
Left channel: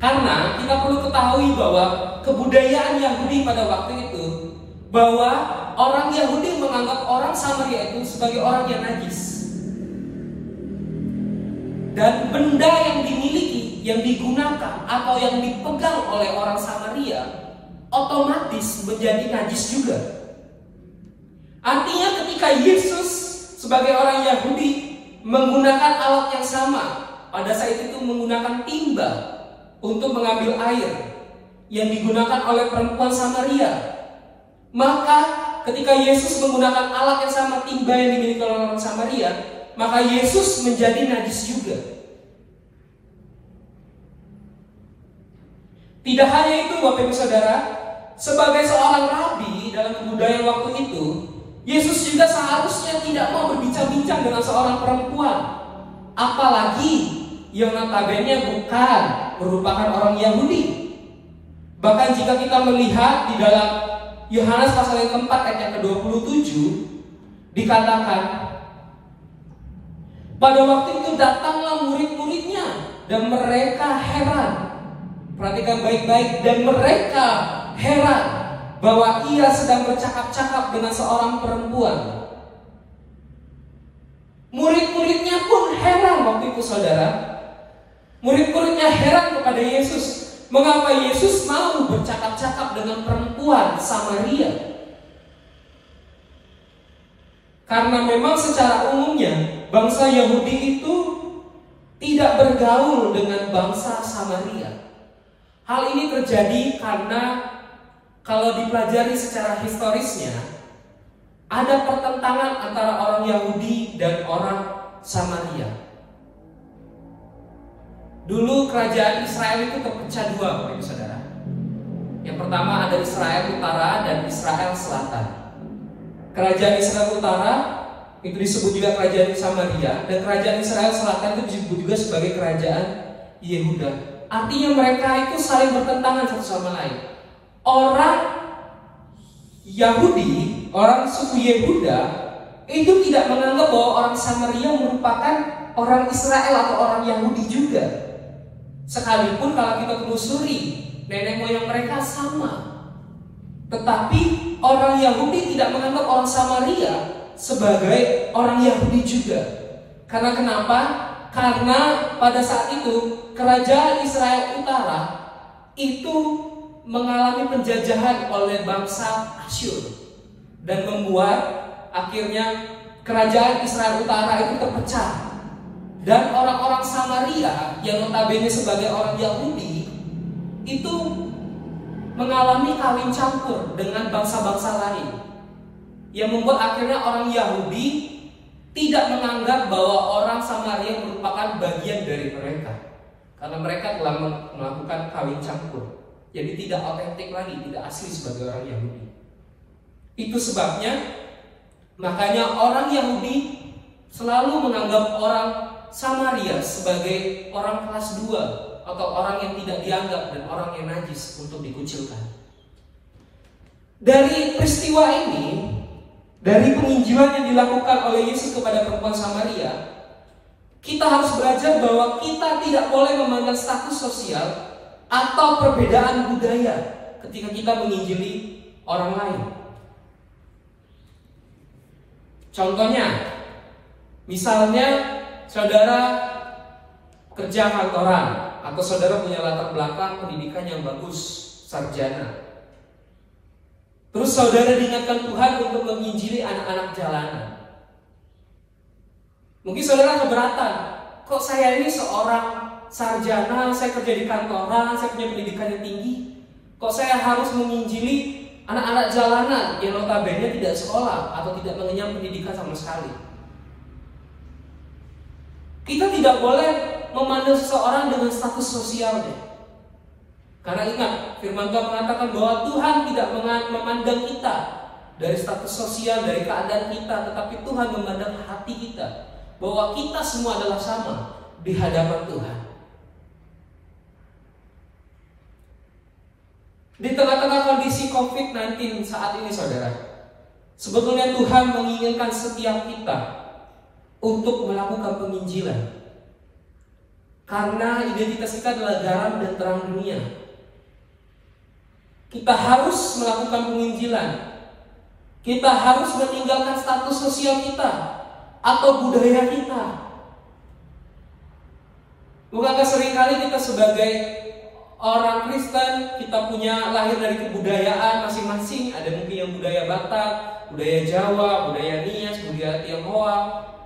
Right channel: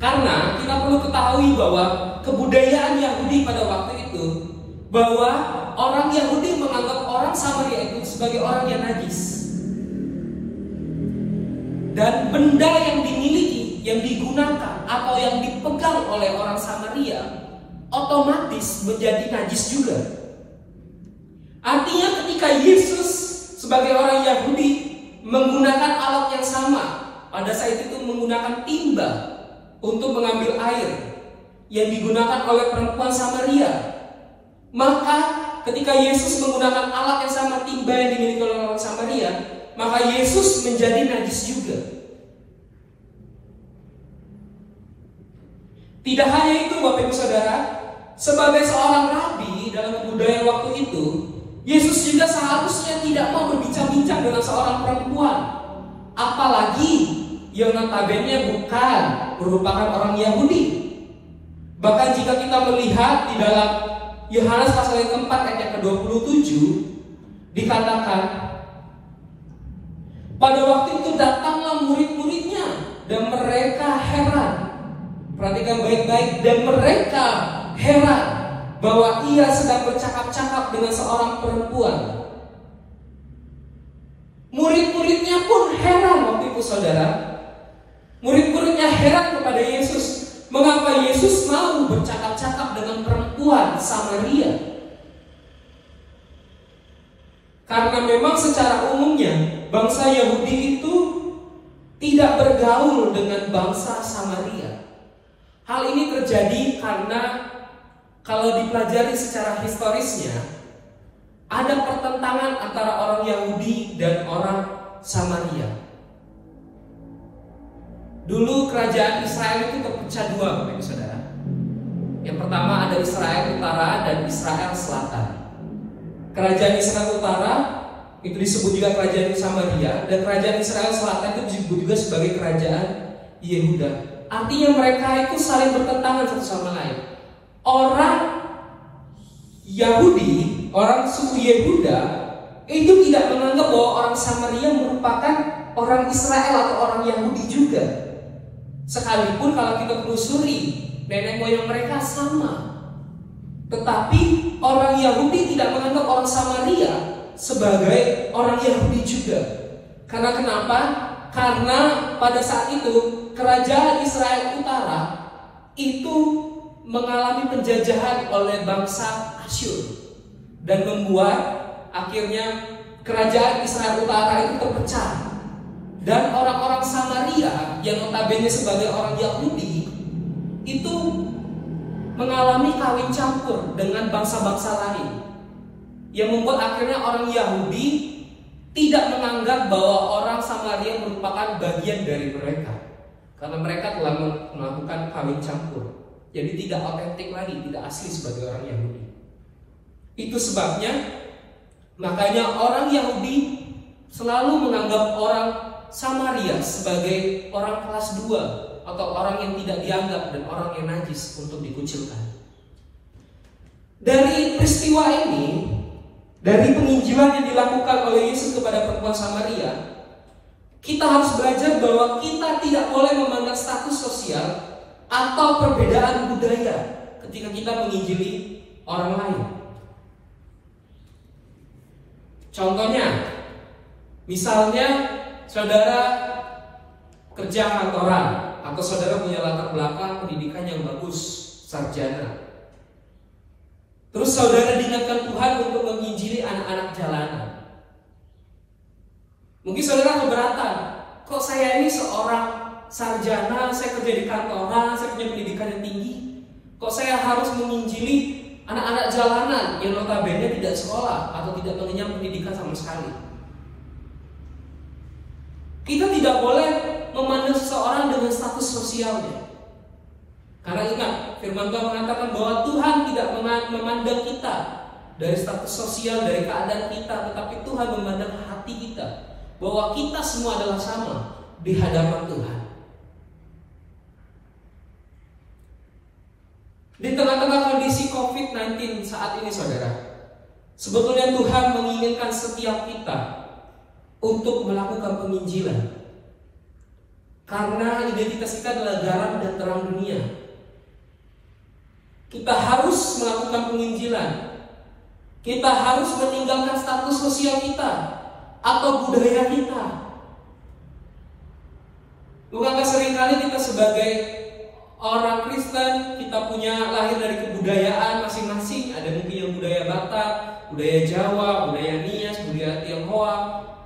Karena kita perlu ketahui bahwa kebudayaan Yahudi pada waktu itu, bahwa orang Yahudi menganggap orang Samaria itu sebagai orang yang najis. Dan benda yang dimiliki, yang digunakan atau yang dipegang oleh orang Samaria otomatis menjadi najis juga. Artinya ketika Yesus sebagai orang Yahudi menggunakan alat yang sama, pada saat itu menggunakan timba untuk mengambil air yang digunakan oleh perempuan Samaria, maka ketika Yesus menggunakan alat yang sama, timba yang dimiliki oleh orang Samaria, maka Yesus menjadi najis juga. Tidak hanya itu Bapak Ibu Saudara, sebagai seorang rabi dalam kebudayaan waktu itu, Yesus juga seharusnya tidak mau berbincang-bincang dengan seorang perempuan, apalagi yang notabene bukan merupakan orang Yahudi. Bahkan jika kita melihat di dalam Yohanes pasal yang keempat ayat yang ke-27, dikatakan, pada waktu itu datanglah murid-muridnya dan mereka heran. Perhatikan baik-baik, dan mereka heran bahwa ia sedang bercakap-cakap dengan seorang perempuan. Murid-muridnya pun heran waktu itu saudara. Murid-muridnya heran kepada Yesus, mengapa Yesus mau bercakap-cakap dengan perempuan Samaria. Karena memang secara umumnya bangsa Yahudi itu tidak bergaul dengan bangsa Samaria. Hal ini terjadi karena kalau dipelajari secara historisnya, ada pertentangan antara orang Yahudi dan orang Samaria. Dulu kerajaan Israel itu terpecah dua, Bapak Ibu Saudara. Yang pertama ada Israel Utara dan Israel Selatan. Kerajaan Israel Utara itu disebut juga kerajaan Samaria, dan kerajaan Israel Selatan itu disebut juga sebagai kerajaan Yehuda. Artinya mereka itu saling bertentangan satu sama lain. Orang Yahudi, orang suku Yehuda itu tidak menganggap bahwa orang Samaria merupakan orang Israel atau orang Yahudi juga. Sekalipun kalau kita telusuri nenek moyang mereka sama. Tetapi orang Yahudi tidak menganggap orang Samaria sebagai orang Yahudi juga. Karena kenapa? Karena pada saat itu kerajaan Israel Utara itu mengalami penjajahan oleh bangsa Asyur, dan membuat akhirnya kerajaan Israel Utara itu terpecah. Dan orang-orang Samaria yang notabene sebagai orang Yahudi itu mengalami kawin campur dengan bangsa-bangsa lain, yang membuat akhirnya orang Yahudi tidak menganggap bahwa orang Samaria merupakan bagian dari mereka, karena mereka telah melakukan kawin campur. Jadi tidak otentik lagi, tidak asli sebagai orang Yahudi. Itu sebabnya makanya orang Yahudi selalu menganggap orang Samaria sebagai orang kelas 2 atau orang yang tidak dianggap dan orang yang najis untuk dikucilkan. Dari peristiwa ini, dari penginjilan yang dilakukan oleh Yesus kepada perempuan Samaria, kita harus belajar bahwa kita tidak boleh memandang status sosial atau perbedaan budaya ketika kita menginjili orang lain. Contohnya, misalnya saudara kerja kantoran, atau saudara punya latar belakang pendidikan yang bagus, sarjana. Terus saudara diingatkan Tuhan untuk menginjili anak-anak jalanan. Mungkin saudara keberatan, kok saya ini seorang sarjana, saya kerja di kantoran, saya punya pendidikan yang tinggi, kok saya harus menginjili anak-anak jalanan yang notabene tidak sekolah atau tidak mengenyam pendidikan sama sekali. Kita tidak boleh memandang seseorang dengan status sosialnya. Karena ingat, firman Tuhan mengatakan bahwa Tuhan tidak memandang kita dari status sosial, dari keadaan kita, tetapi Tuhan memandang hati kita, bahwa kita semua adalah sama di hadapan Tuhan. Di tengah-tengah kondisi COVID-19 saat ini, saudara, sebetulnya Tuhan menginginkan setiap kita untuk melakukan penginjilan. Karena identitas kita adalah garam dan terang dunia. Kita harus melakukan penginjilan. Kita harus meninggalkan status sosial kita atau budaya kita. Bukankah seringkali kita sebagai orang Kristen, kita punya lahir dari kebudayaan masing-masing. Ada mungkin yang budaya Batak, budaya Jawa, budaya Nias, budaya Tionghoa,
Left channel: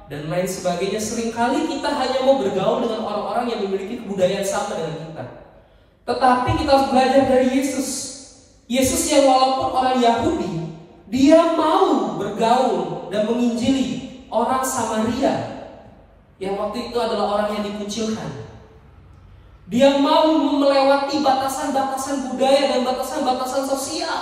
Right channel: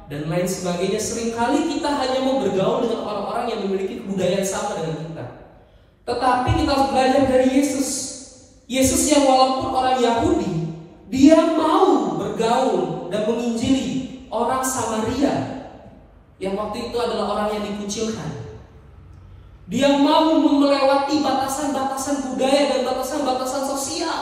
dan lain sebagainya. Seringkali kita hanya mau bergaul dengan orang-orang yang memiliki kebudayaan sama dengan kita. Tetapi kita harus belajar dari Yesus. Yesus yang walaupun orang Yahudi, dia mau bergaul dan menginjili orang Samaria yang waktu itu adalah orang yang dikucilkan. Dia mau melewati batasan-batasan budaya dan batasan-batasan sosial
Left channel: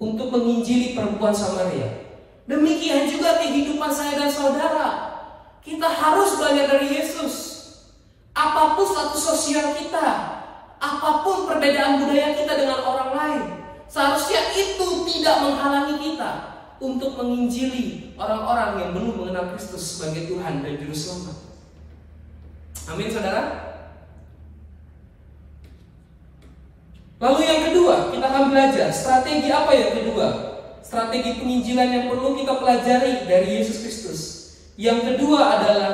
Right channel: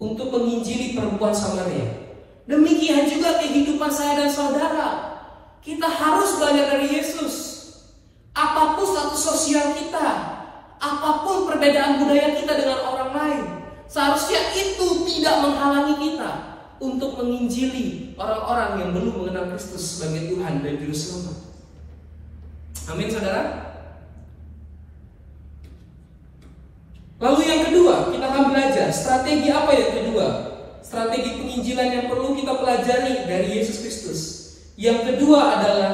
untuk menginjili perempuan Samaria. Demikian juga kehidupan saya dan saudara. Kita harus belajar dari Yesus. Apapun status sosial kita, apapun perbedaan budaya kita dengan orang lain, seharusnya itu tidak menghalangi kita untuk menginjili orang-orang yang belum mengenal Kristus sebagai Tuhan dan Juru Selamat. Amin, saudara. Lalu yang kedua, kita akan belajar strategi apa yang kedua? Strategi penginjilan yang perlu kita pelajari dari Yesus Kristus. Yang kedua adalah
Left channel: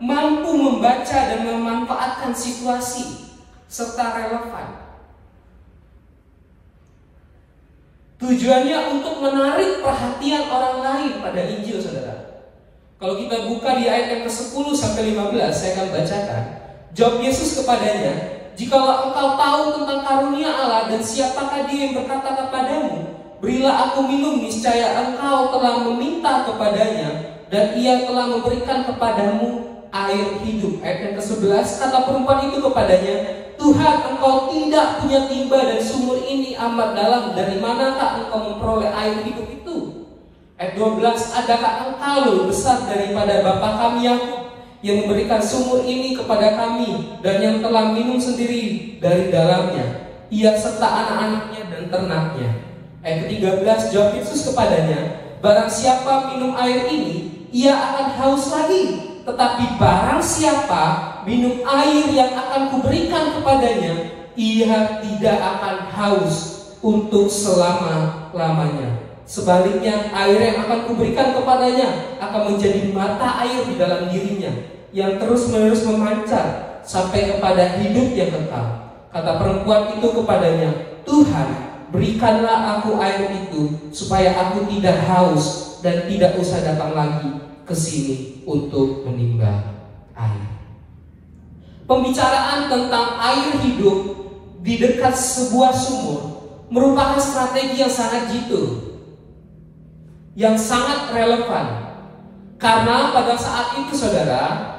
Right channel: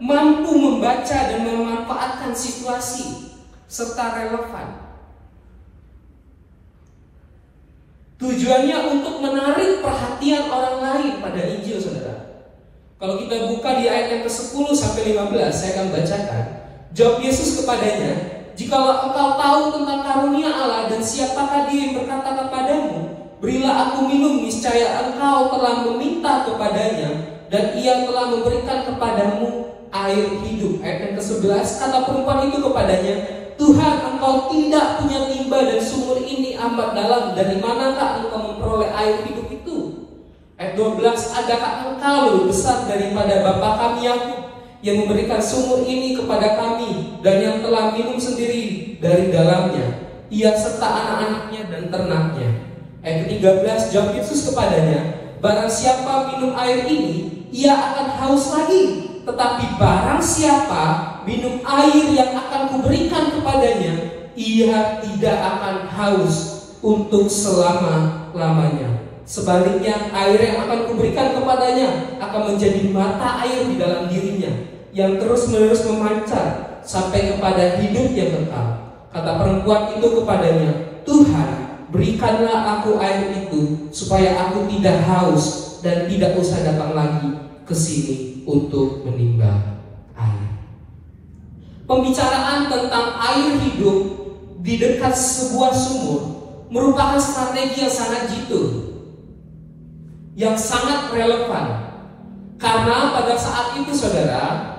mampu membaca dan memanfaatkan situasi serta relevan. Tujuannya untuk menarik perhatian orang lain pada Injil, saudara. Kalau kita buka di ayat yang ke-10 sampai 15, saya akan bacakan. Jawab Yesus kepadanya, "Jikalau engkau tahu tentang karunia Allah dan siapakah Dia yang berkata kepadamu, berilah aku minum, niscaya engkau telah meminta kepadanya dan Ia telah memberikan kepadamu. air hidup. Ayat yang ke-11, kata perempuan itu kepadanya, Tuhan, engkau tidak punya timba dan sumur ini amat dalam. Dari manakah engkau memperoleh air hidup itu? Ayat 12, adakah engkau lebih besar daripada bapa kami Yakub yang memberikan sumur ini kepada kami dan yang telah minum sendiri dari dalamnya, ia serta anak-anaknya dan ternaknya? Ayat ke-13, jawab Yesus kepadanya, barang siapa minum air ini, ia akan haus lagi. Tetapi barang siapa minum air yang akan kuberikan kepadanya, ia tidak akan haus untuk selama-lamanya. Sebaliknya, air yang akan kuberikan kepadanya akan menjadi mata air di dalam dirinya, yang terus-menerus memancar sampai kepada hidup yang kekal. Kata perempuan itu kepadanya, Tuhan, berikanlah aku air itu, supaya aku tidak haus dan tidak usah datang lagi ke sini untuk menimba air. Pembicaraan tentang air hidup di dekat sebuah sumur merupakan strategi yang sangat jitu, yang sangat relevan. Karena pada saat itu saudara,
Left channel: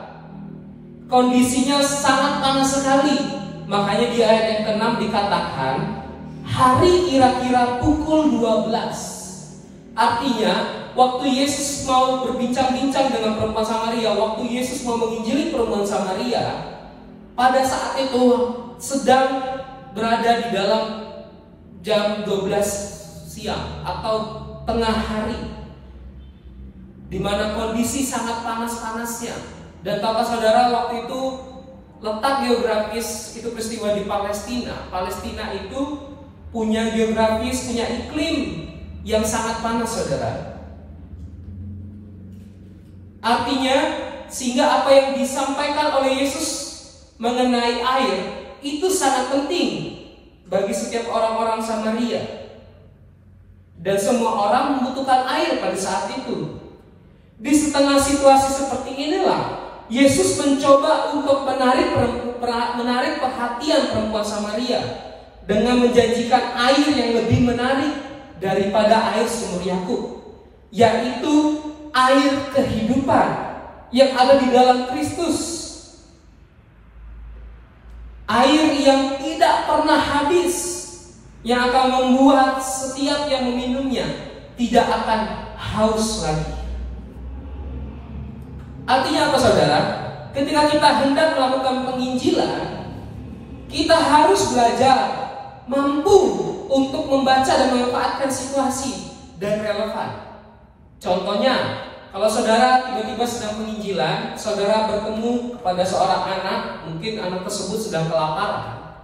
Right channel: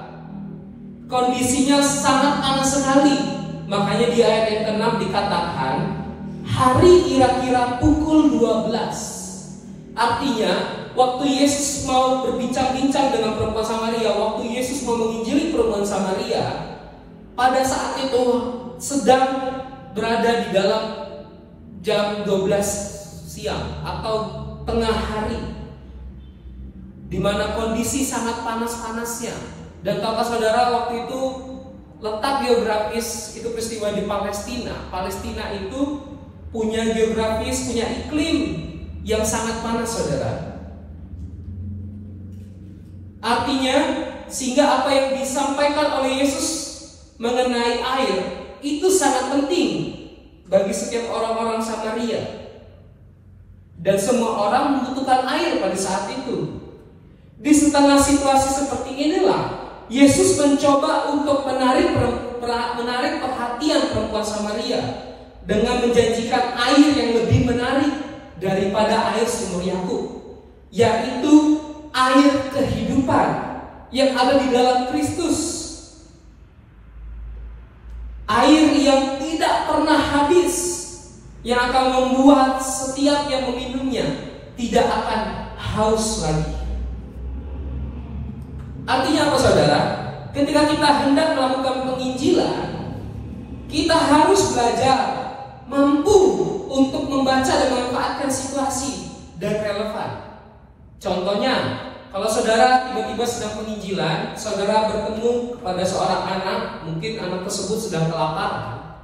kondisinya sangat panas sekali. Makanya di ayat yang ke-6 dikatakan hari kira-kira pukul 12. Artinya waktu Yesus mau berbincang-bincang dengan perempuan Samaria, waktu Yesus mau menginjili perempuan Samaria, pada saat itu sedang berada di dalam jam 12 siang atau tengah hari, di mana kondisi sangat panas-panasnya. Dan tahukah saudara, waktu itu letak geografis itu peristiwa di Palestina. Palestina itu punya geografis, punya iklim yang sangat panas saudara. Artinya, sehingga apa yang disampaikan oleh Yesus mengenai air itu sangat penting bagi setiap orang-orang Samaria. Dan semua orang membutuhkan air pada saat itu. Di setengah situasi seperti inilah Yesus mencoba untuk menarik perhatian perempuan Samaria dengan menjanjikan air yang lebih menarik daripada air sumur Yakub, yaitu air kehidupan yang ada di dalam Kristus. Air yang tidak pernah habis, yang akan membuat setiap yang meminumnya tidak akan haus lagi. Artinya apa saudara? Ketika kita hendak melakukan penginjilan, kita harus belajar mampu untuk membaca dan memanfaatkan situasi dan relevan. Contohnya, kalau saudara tiba-tiba sedang penginjilan, saudara bertemu pada seorang anak, mungkin anak tersebut sedang kelaparan.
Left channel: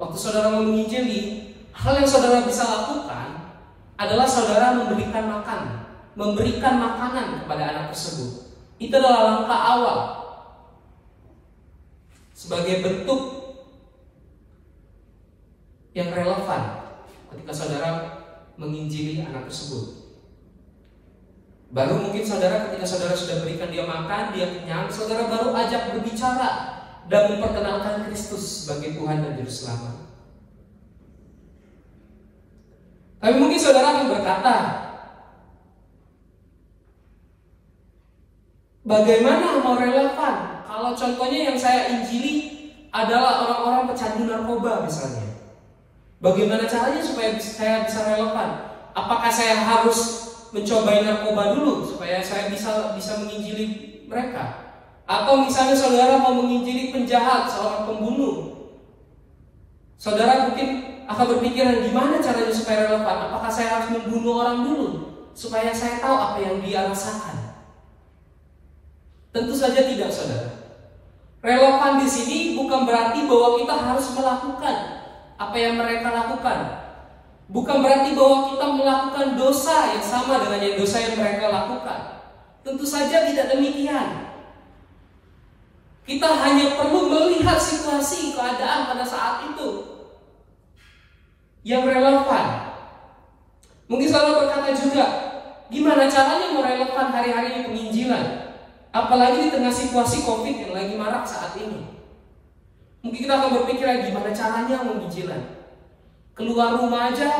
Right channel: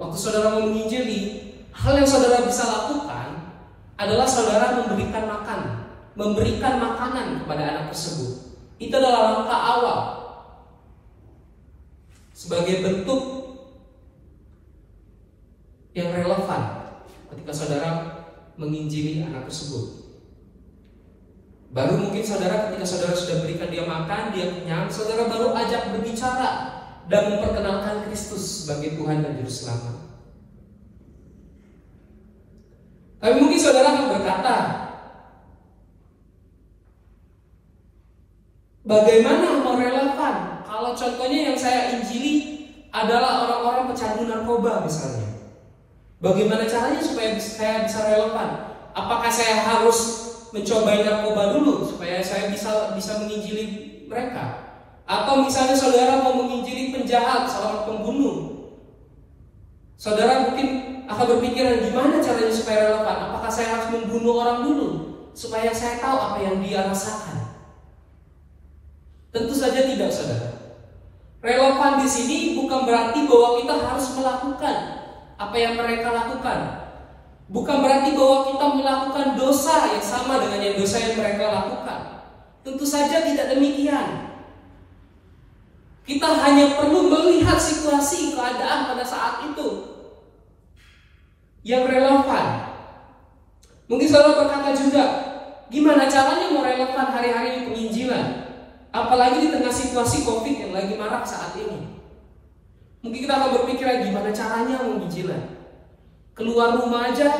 Waktu saudara mau menginjili, hal yang saudara bisa lakukan adalah saudara memberikan makanan kepada anak tersebut. Itu adalah langkah awal sebagai bentuk yang relevan ketika saudara menginjili anak tersebut. Baru mungkin saudara, ketika saudara sudah berikan dia makan, dia kenyang, saudara baru ajak berbicara dan memperkenalkan Kristus sebagai Tuhan dan Juru Selamat. Tapi mungkin saudara akan berkata, bagaimana mau relevan kalau contohnya yang saya injili adalah orang-orang pecandu narkoba misalnya? Bagaimana caranya supaya saya bisa relevan? Apakah saya harus mencobai narkoba dulu supaya saya bisa menginjili mereka? Atau misalnya saudara mau menginjili penjahat, seorang pembunuh, saudara mungkin akan berpikiran gimana caranya supaya relevan? Apakah saya harus membunuh orang dulu supaya saya tahu apa yang dia rasakan? Tentu saja tidak, saudara. Relevan di sini bukan berarti bahwa kita harus melakukan apa yang mereka lakukan. Bukan berarti bahwa kita melakukan dosa yang sama dengan dosa yang mereka lakukan. Tentu saja tidak demikian. Kita hanya perlu melihat situasi keadaan pada saat itu yang relevan. Mungkin saudara berkata juga, gimana caranya merelevan hari-hari penginjilan? Apalagi di tengah situasi COVID yang lagi marak saat ini. Mungkin kita akan berpikir gimana caranya penginjilan. Keluar rumah aja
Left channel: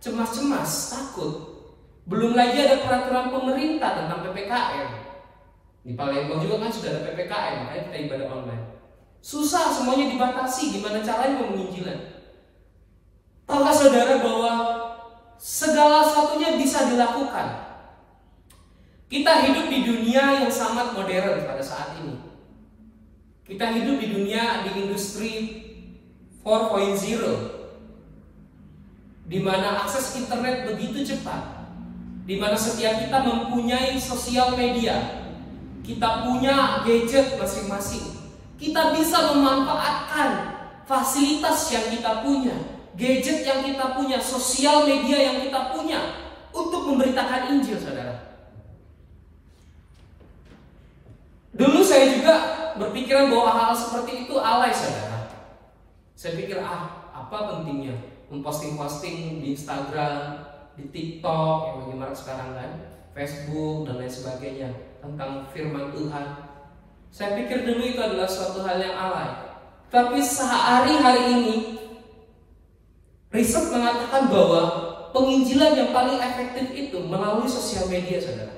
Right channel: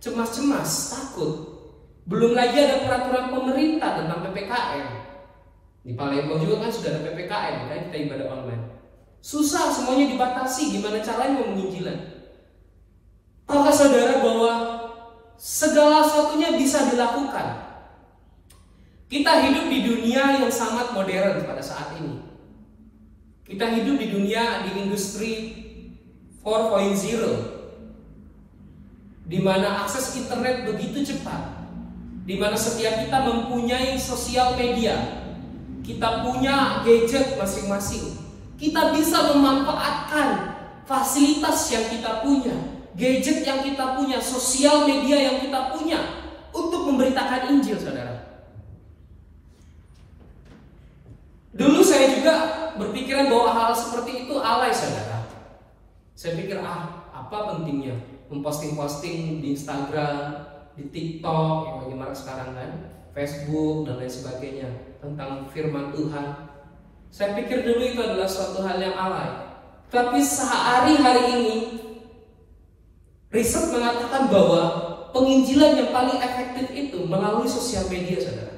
cemas-cemas, takut. Belum lagi ada peraturan pemerintah tentang PPKM. Di Palembang juga kan sudah ada PPKM, makanya kita ibadah online. Susah, semuanya dibatasi. Gimana caranya mau penginjilan? Tahukah saudara bahwa segala sesuatunya bisa dilakukan? Kita hidup di dunia yang sangat modern pada saat ini. Kita hidup di dunia, di industri 4.0, di mana akses internet begitu cepat, di mana setiap kita mempunyai sosial media, kita punya gadget masing-masing. Kita bisa memanfaatkan fasilitas yang kita punya, gadget yang kita punya, sosial media yang kita punya untuk memberitakan Injil, saudara. Dulu saya juga berpikiran bahwa hal seperti itu alay, saudara. Saya pikir, apa pentingnya memposting-posting di Instagram, di TikTok yang lagi marak sekarang kan, Facebook dan lain sebagainya tentang firman Tuhan. Saya pikir dulu itu adalah suatu hal yang alay. Tapi sehari-hari ini riset mengatakan bahwa penginjilan yang paling efektif itu melalui sosial media, saudara.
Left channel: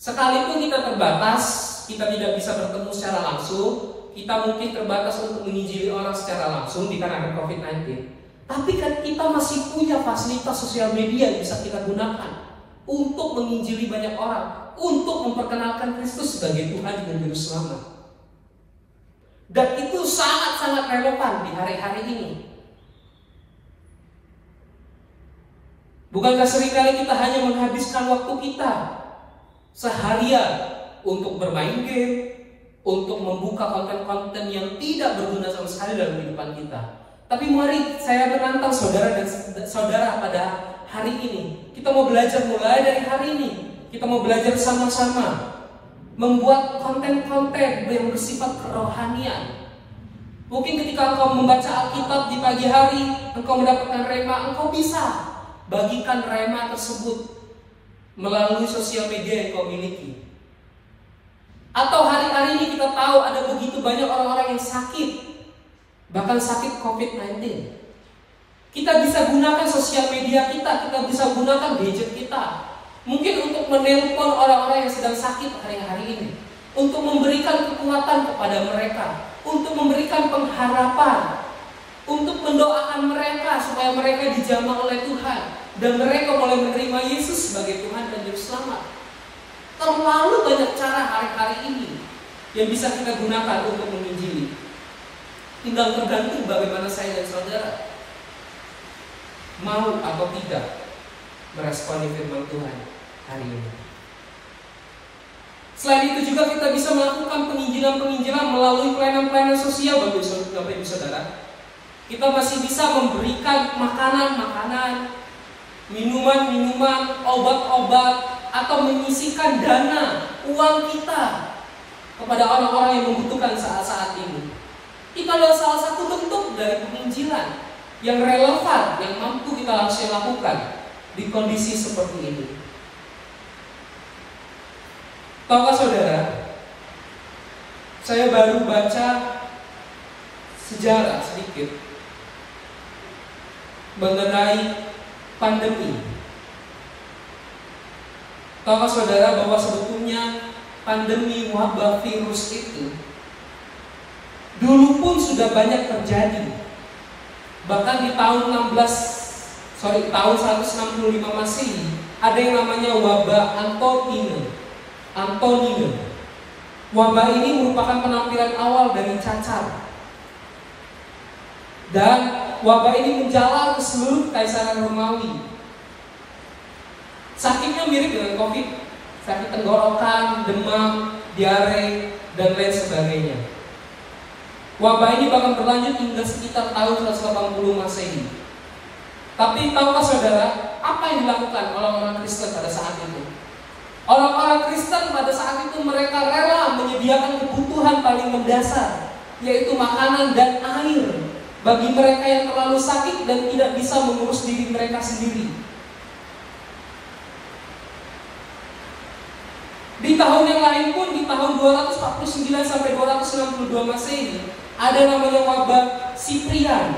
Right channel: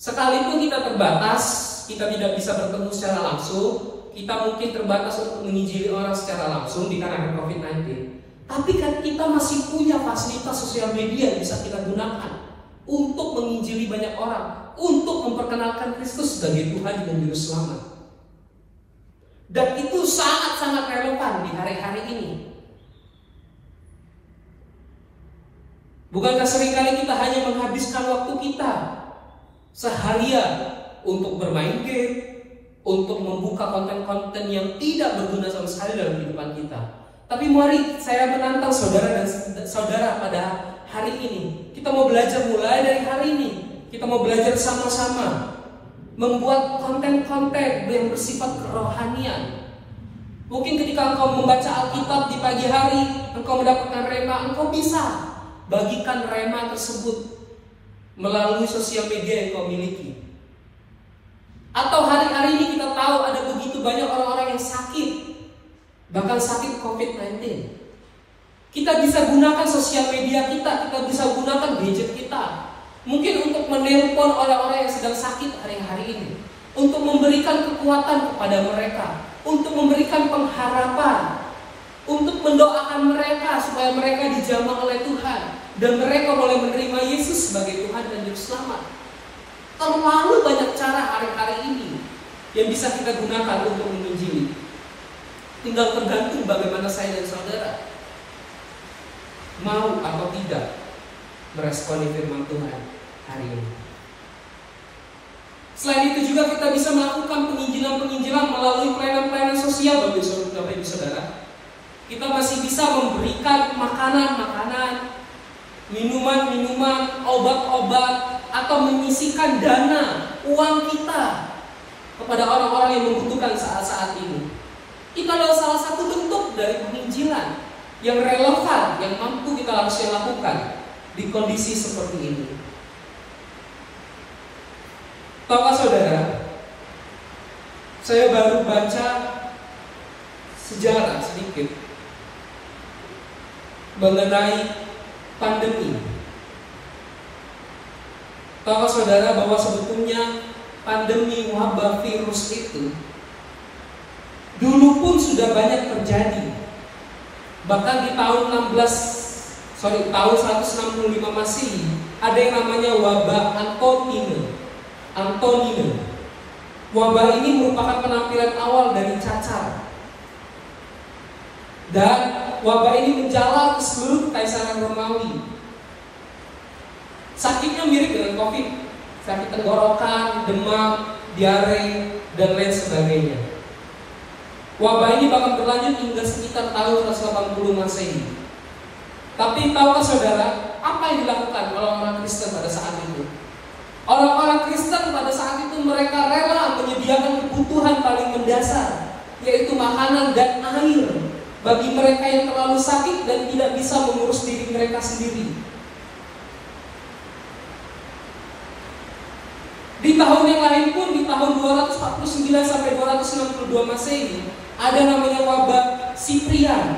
Sekalipun kita terbatas, kita tidak bisa bertemu secara langsung, kita mungkin terbatas untuk menginjili orang secara langsung dikarenakan COVID-19. Tapi kan kita masih punya fasilitas sosial media yang bisa kita gunakan untuk menginjili banyak orang, untuk memperkenalkan Kristus sebagai Tuhan dan Juru Selamat. Dan itu sangat-sangat relevan di hari-hari ini. Bukankah seringkali kita hanya menghabiskan waktu kita seharian untuk bermain game, untuk membuka konten-konten yang tidak berguna sama sekali dalam kehidupan kita. Tapi mari saya menantang saudara dan saudara pada hari ini. Kita mau belajar mulai dari hari ini. Kita mau belajar sama-sama membuat konten-konten yang bersifat kerohanian. Mungkin ketika engkau membaca Alkitab di pagi hari, engkau mendapatkan rema, engkau bisa bagikan rema tersebut melalui sosial media yang kau miliki. Atau hari-hari ini kita tahu ada begitu banyak orang-orang yang sakit, bahkan sakit COVID-19. Kita bisa gunakan sosial media kita bisa gunakan gadget kita, mungkin untuk menelpon orang-orang yang sedang sakit hari-hari ini, untuk memberikan kekuatan kepada mereka, untuk memberikan pengharapan, untuk mendoakan mereka supaya mereka dijamah oleh Tuhan dan mereka boleh menerima Yesus sebagai Tuhan dan Juru Selamat. Terlalu banyak cara hari-hari ini yang bisa kita gunakan untuk menginjili. Tinggal tergantung bagaimana saya dan saudara mau atau tidak meresponi firman Tuhan hari ini. Selain itu juga kita bisa melakukan penginjilan-penginjilan melalui pelayanan-pelayanan sosial bagi saudara. Kita masih bisa memberikan makanan-makanan, minuman-minuman, obat-obat, atau menyisikan dana, uang kita kepada orang-orang yang membutuhkan saat-saat ini. Itu adalah salah satu bentuk dari penginjilan yang relevan, yang mampu kita langsung lakukan di kondisi seperti ini. Tahukah saudara, saya baru baca sejarah sedikit mengenai pandemi. Tahukah saudara bahwa sebetulnya pandemi wabah virus itu dulu pun sudah banyak terjadi. Bahkan di tahun 165 Masehi ada yang namanya wabah Antonino. Wabah ini merupakan penampilan awal dari cacar. Dan wabah ini menjalar ke seluruh Kaisaran Romawi. Sakitnya mirip dengan COVID, sakit tenggorokan, demam, diare, dan lain sebagainya. Wabah ini bahkan berlanjut hingga sekitar tahun 180 Masehi. Tapi tahukah saudara, apa yang dilakukan oleh orang Kristen pada saat itu? Orang-orang Kristen pada saat itu mereka rela menyediakan kebutuhan paling mendasar, yaitu makanan dan air bagi mereka yang terlalu sakit dan tidak bisa mengurus diri mereka sendiri. Di tahun yang lain pun, di tahun 249 sampai 262 Masehi, ada namanya wabah Siprian.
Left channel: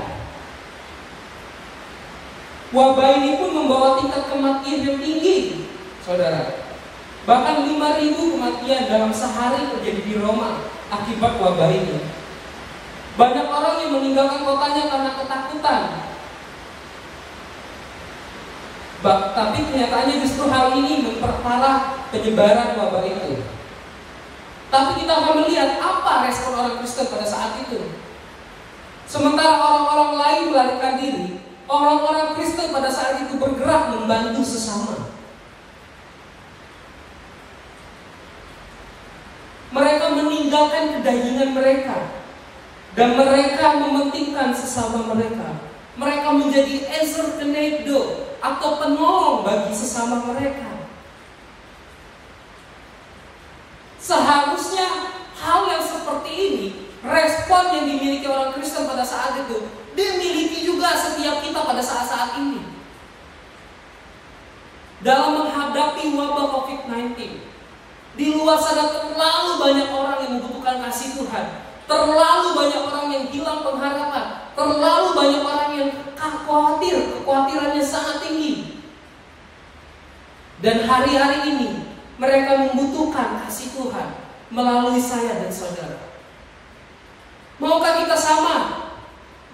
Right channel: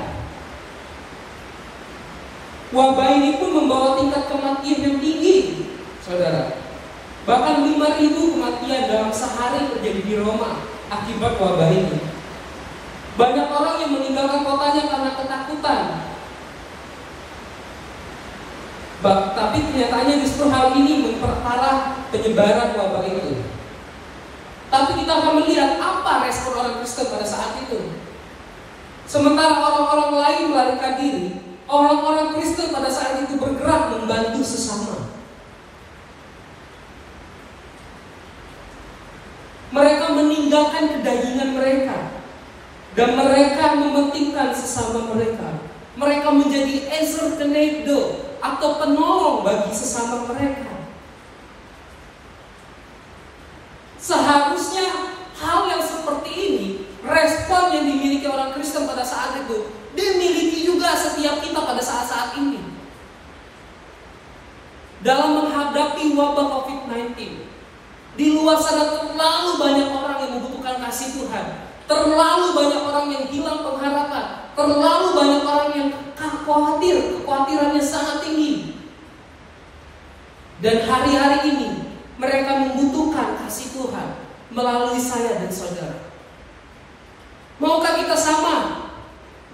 Wabah ini pun membawa tingkat kematian yang tinggi, saudara. Bahkan 5.000 kematian dalam sehari terjadi di Roma akibat wabah ini. Banyak orang yang meninggalkan kotanya karena ketakutan. Tapi kenyataannya justru hal ini memperparah penyebaran wabah itu. Tapi kita akan melihat apa respon orang Kristen pada saat itu. Sementara orang-orang lain melarikan diri, orang-orang Kristen pada saat itu bergerak membantu sesama. Mereka meninggalkan kedagingan mereka dan mereka mementingkan sesama mereka. Mereka menjadi ezer kenegdo atau penolong bagi sesama mereka. Seharusnya hal yang seperti ini, respon yang dimiliki orang Kristen pada saat itu, dimiliki juga setiap kita pada saat-saat ini. Dalam menghadapi wabah COVID-19, di luar sana terlalu banyak orang yang membutuhkan kasih Tuhan. Terlalu banyak orang yang hilang pengharapan. Terlalu banyak orang yang khawatir, kekhawatirannya sangat tinggi. Dan hari-hari ini mereka membutuhkan kasih Tuhan melalui saya dan saudara. Maukah kita sama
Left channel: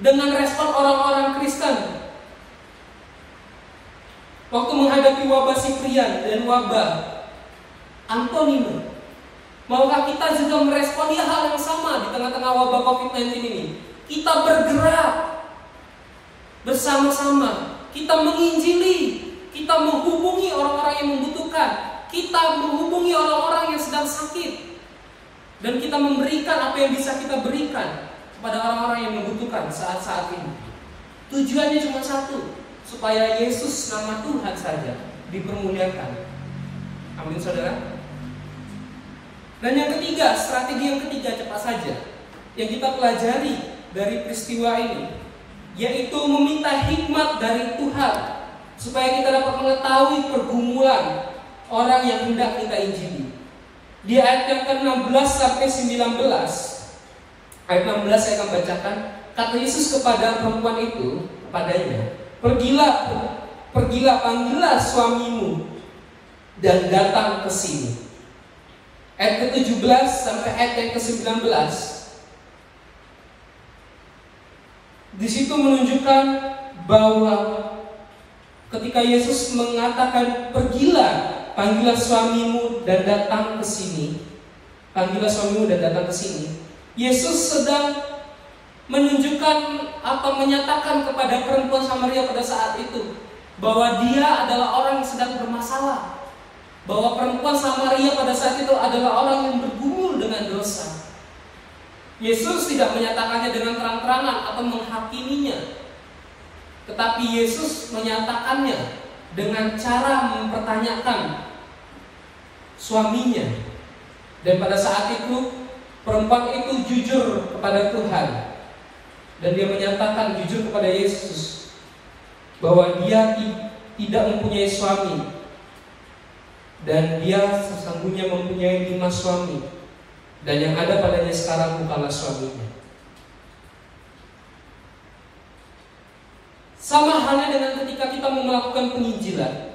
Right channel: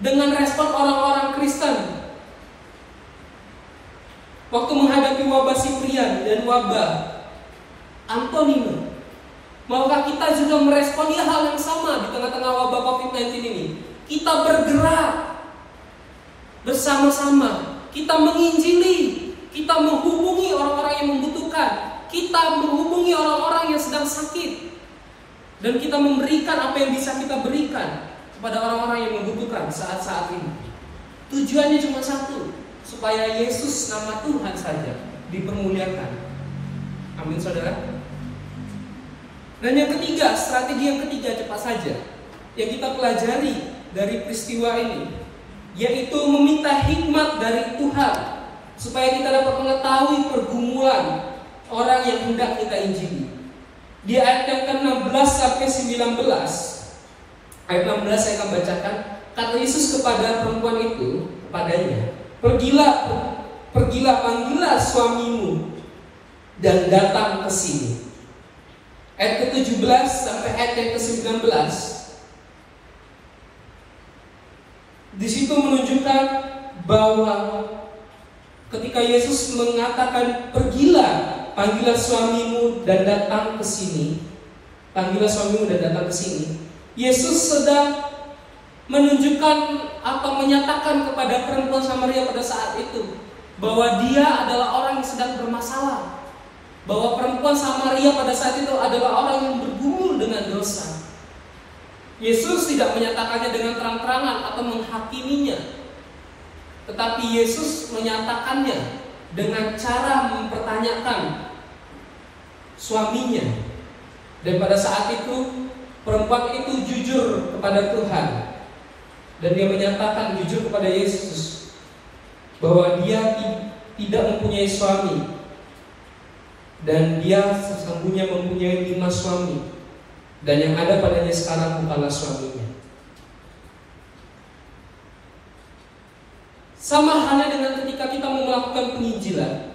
dengan respon orang-orang Kristen waktu menghadapi wabah Siprian dan wabah Antonino? Maukah kita juga merespon hal yang sama di tengah-tengah wabah COVID-19 ini? Kita bergerak bersama-sama, kita menginjili, kita menghubungi orang-orang yang membutuhkan, kita menghubungi orang-orang yang sedang sakit, dan kita memberikan apa yang bisa kita berikan kepada orang-orang yang membutuhkan saat-saat ini. Tujuannya cuma satu, supaya Yesus nama Tuhan saja dipermuliakan. Amin saudara. Dan yang ketiga, strategi yang ketiga cepat saja yang kita pelajari dari peristiwa ini, yaitu meminta hikmat dari Tuhan supaya kita dapat mengetahui pergumulan orang yang hendak kita injili. Di ayat yang ke-16 sampai 19, ayat 16 saya akan bacakan. Kata Yesus kepada perempuan itu, kepadanya, Pergilah panggillah suamimu dan datang ke sini. Ayat ke-17 sampai ayat yang ke-19. Di situ menunjukkan bahwa ketika Yesus mengatakan pergilah, panggillah suamimu dan datang ke sini. Panggillah suamimu dan datang ke sini. Yesus sedang menunjukkan atau menyatakan kepada perempuan Samaria pada saat itu bahwa dia adalah orang yang sedang bermasalah. Bahwa perempuan Samaria pada saat itu adalah orang yang bergumul dengan dosa. Yesus tidak menyatakannya dengan terang-terangan atau menghakiminya, tetapi Yesus menyatakannya dengan cara mempertanyakan suaminya. Dan pada saat itu perempuan itu jujur kepada Tuhan, dan dia menyatakan jujur kepada Yesus bahwa dia tidak mempunyai suami, dan dia sesungguhnya mempunyai 5 suami, dan yang ada padanya sekarang bukanlah suaminya. Sama halnya dengan ketika kita melakukan penginjilan,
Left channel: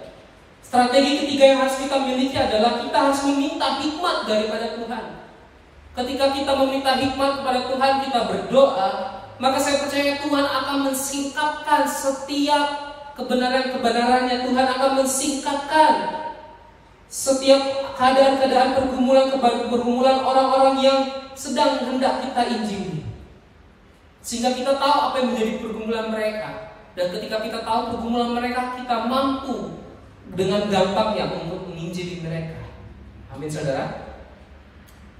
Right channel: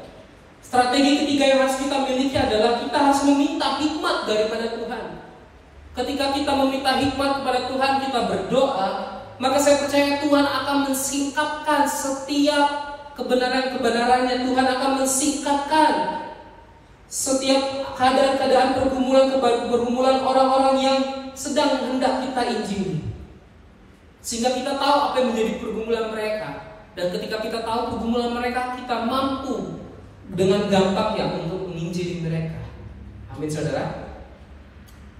strategi ketiga yang harus kita miliki adalah kita harus meminta hikmat daripada Tuhan. Ketika kita meminta hikmat kepada Tuhan, kita berdoa, maka saya percaya Tuhan akan mensingkapkan setiap kebenaran-kebenarannya. Tuhan akan mensingkapkan setiap keadaan-keadaan pergumulan orang-orang yang sedang hendak kita injili, sehingga kita tahu apa yang menjadi pergumulan mereka. Dan ketika kita tahu pergumulan mereka, kita mampu dengan gampangnya untuk menginjili mereka. Amin saudara.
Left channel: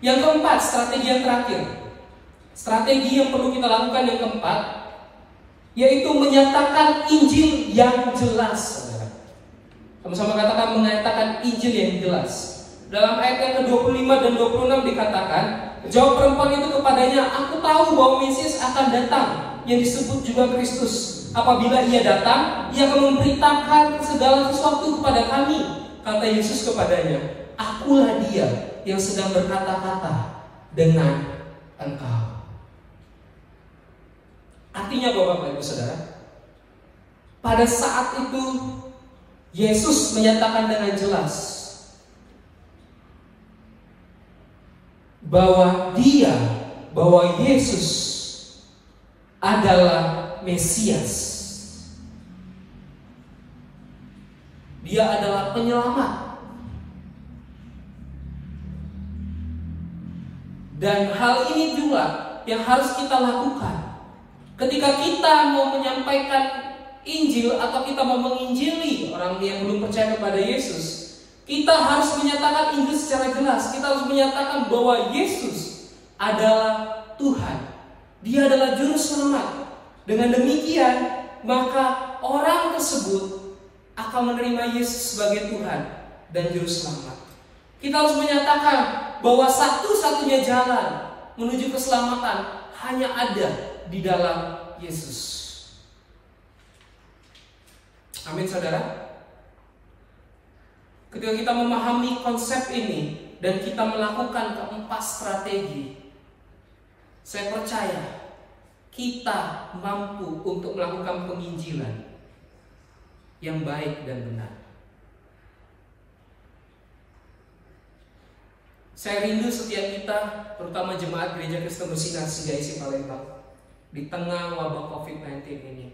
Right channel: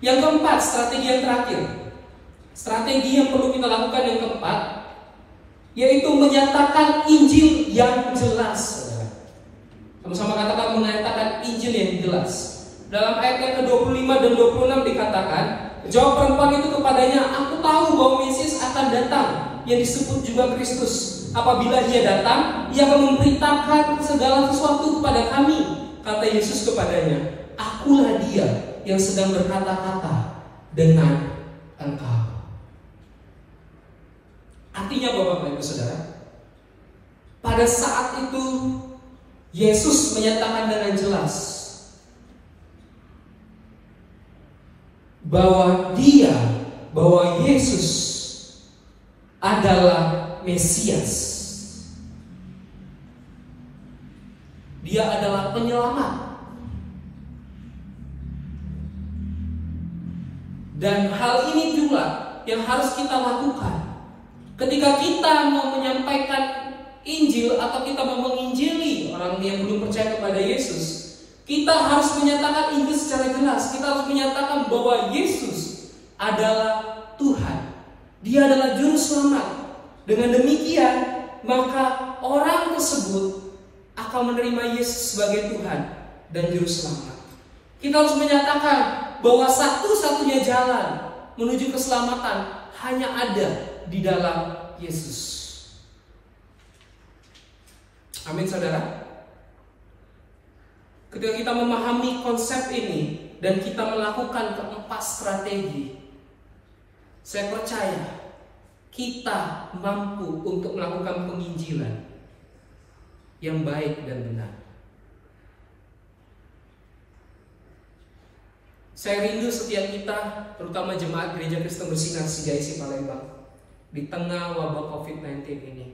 Yang keempat, strategi yang terakhir, strategi yang perlu kita lakukan yang keempat, yaitu menyatakan Injil yang jelas. Sama-sama katakan menyatakan Injil yang jelas. Dalam ayat yang ke-25 dan 26 dikatakan, jawab perempuan itu kepadanya, aku tahu bahwa Mesias akan datang, yang disebut juga Kristus. Apabila ia datang, ia akan memberitakan segala sesuatu kepada kami. Kata Yesus kepadanya, akulah dia yang sedang berkata-kata dengan engkau. Artinya Bapak Ibu Saudara, pada saat itu Yesus menyatakan dengan jelas bahwa Yesus adalah Mesias. Dia adalah penyelamat. Dan hal ini juga yang harus kita lakukan. Ketika kita mau menyampaikan Injil atau kita mau menginjili orang yang belum percaya kepada Yesus, kita harus menyatakan Injil secara jelas. Kita harus menyatakan bahwa Yesus adalah Tuhan. Dia adalah juru selamat. Dengan demikian, maka orang tersebut akan menerima Yesus sebagai Tuhan dan juru selamat. Kita harus menyatakan bahwa satu-satunya jalan menuju keselamatan hanya ada di dalam Yesus. Amin, saudara. Ketika kita memahami konsep ini dan kita melakukan keempat strategi, saya percaya kita mampu untuk melakukan penginjilan yang baik dan benar. Saya rindu setiap kita, terutama jemaat Gereja Kristen Bersinar CGIC Palembang, di tengah wabah COVID-19 ini,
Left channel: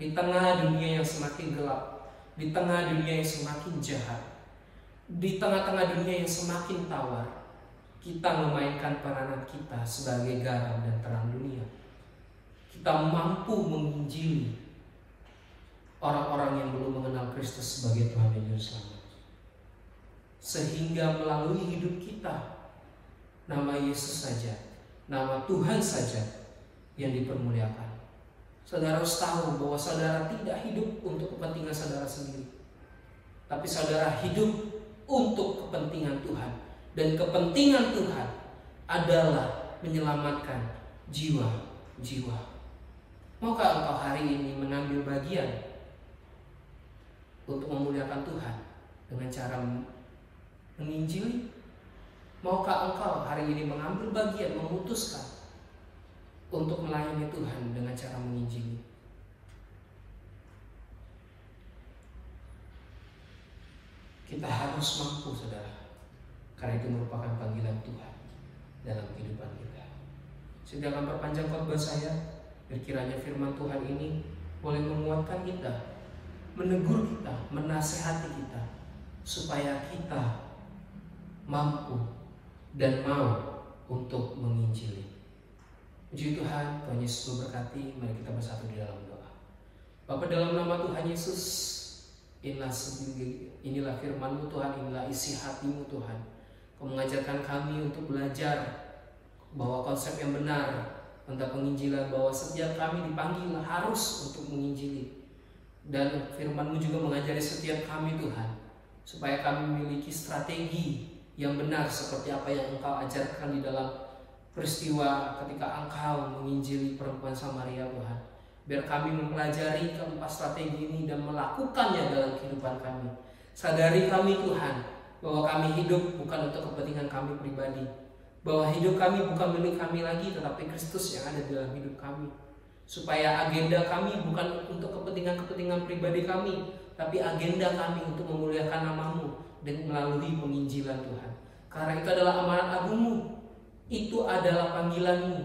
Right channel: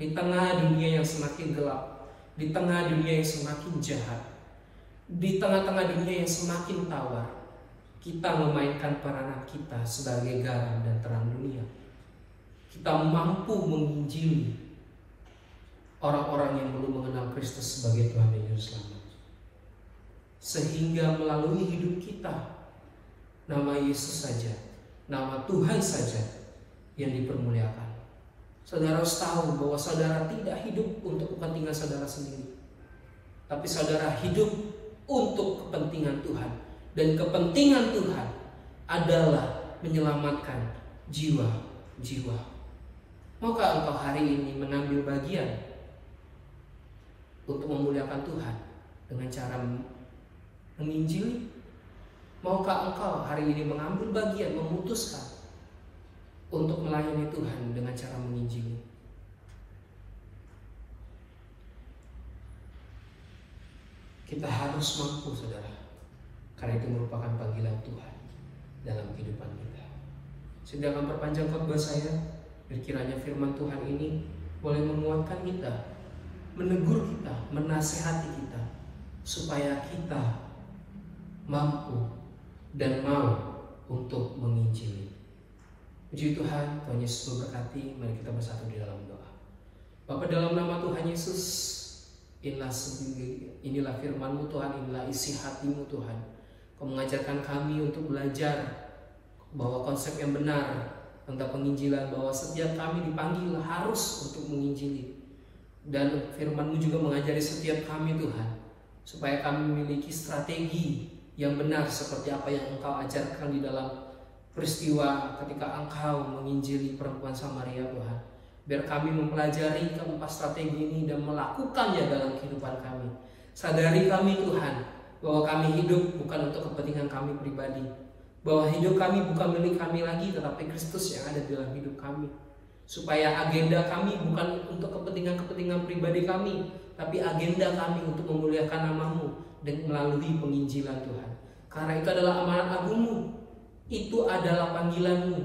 di tengah dunia yang semakin gelap, di tengah dunia yang semakin jahat, di tengah-tengah dunia yang semakin tawar, kita memainkan peranan kita sebagai garam dan terang dunia. Kita mampu menginjili orang-orang yang belum mengenal Kristus sebagai Tuhan dan Juru Selamat. Sehingga melalui hidup kita, nama Yesus saja, nama Tuhan saja yang dipermuliakan. Saudara harus tahu bahwa saudara tidak hidup untuk kepentingan saudara sendiri, tapi saudara hidup untuk kepentingan Tuhan. Dan kepentingan Tuhan adalah menyelamatkan jiwa-jiwa. Maukah engkau hari ini mengambil bagian untuk memuliakan Tuhan dengan cara menginjili? Maukah engkau hari ini mengambil bagian, memutuskan untuk melayani Tuhan dengan cara menginjili? Kita harus mampu, saudara, karena itu merupakan panggilan Tuhan dalam kehidupan kita. Saya tidak akan perpanjang khotbah saya. Kiranya firman Tuhan ini boleh menguatkan kita, menegur kita, menasehati kita, supaya kita mampu dan mau untuk menginjili. Puji Tuhan, Tuhan Yesus memberkati. Mari kita bersatu di dalam doa. Bapa, dalam nama Tuhan Yesus, inilah firman-Mu Tuhan, inilah isi hati-Mu Tuhan. Kau mengajarkan kami untuk belajar bahwa konsep yang benar tentang penginjilan, bahwa setiap kami dipanggil harus untuk menginjili. Dan firman-Mu juga mengajari setiap kami Tuhan, supaya kami memiliki strategi yang benar seperti apa yang Engkau ajarkan di dalam peristiwa ketika Engkau menginjili perempuan Samaria Tuhan. Biar kami mempelajari keempat strategi ini dan melakukannya dalam kehidupan kami. Sadari kami Tuhan, bahwa kami hidup bukan untuk kepentingan kami pribadi, bahwa hidup kami bukan milik kami lagi, tetapi Kristus yang ada di dalam hidup kami. Supaya agenda kami bukan untuk kepentingan-kepentingan pribadi kami, tapi agenda kami untuk memuliakan nama-Mu dan melalui penginjilan Tuhan. Karena itu adalah amanat agung-Mu, itu adalah panggilan-Mu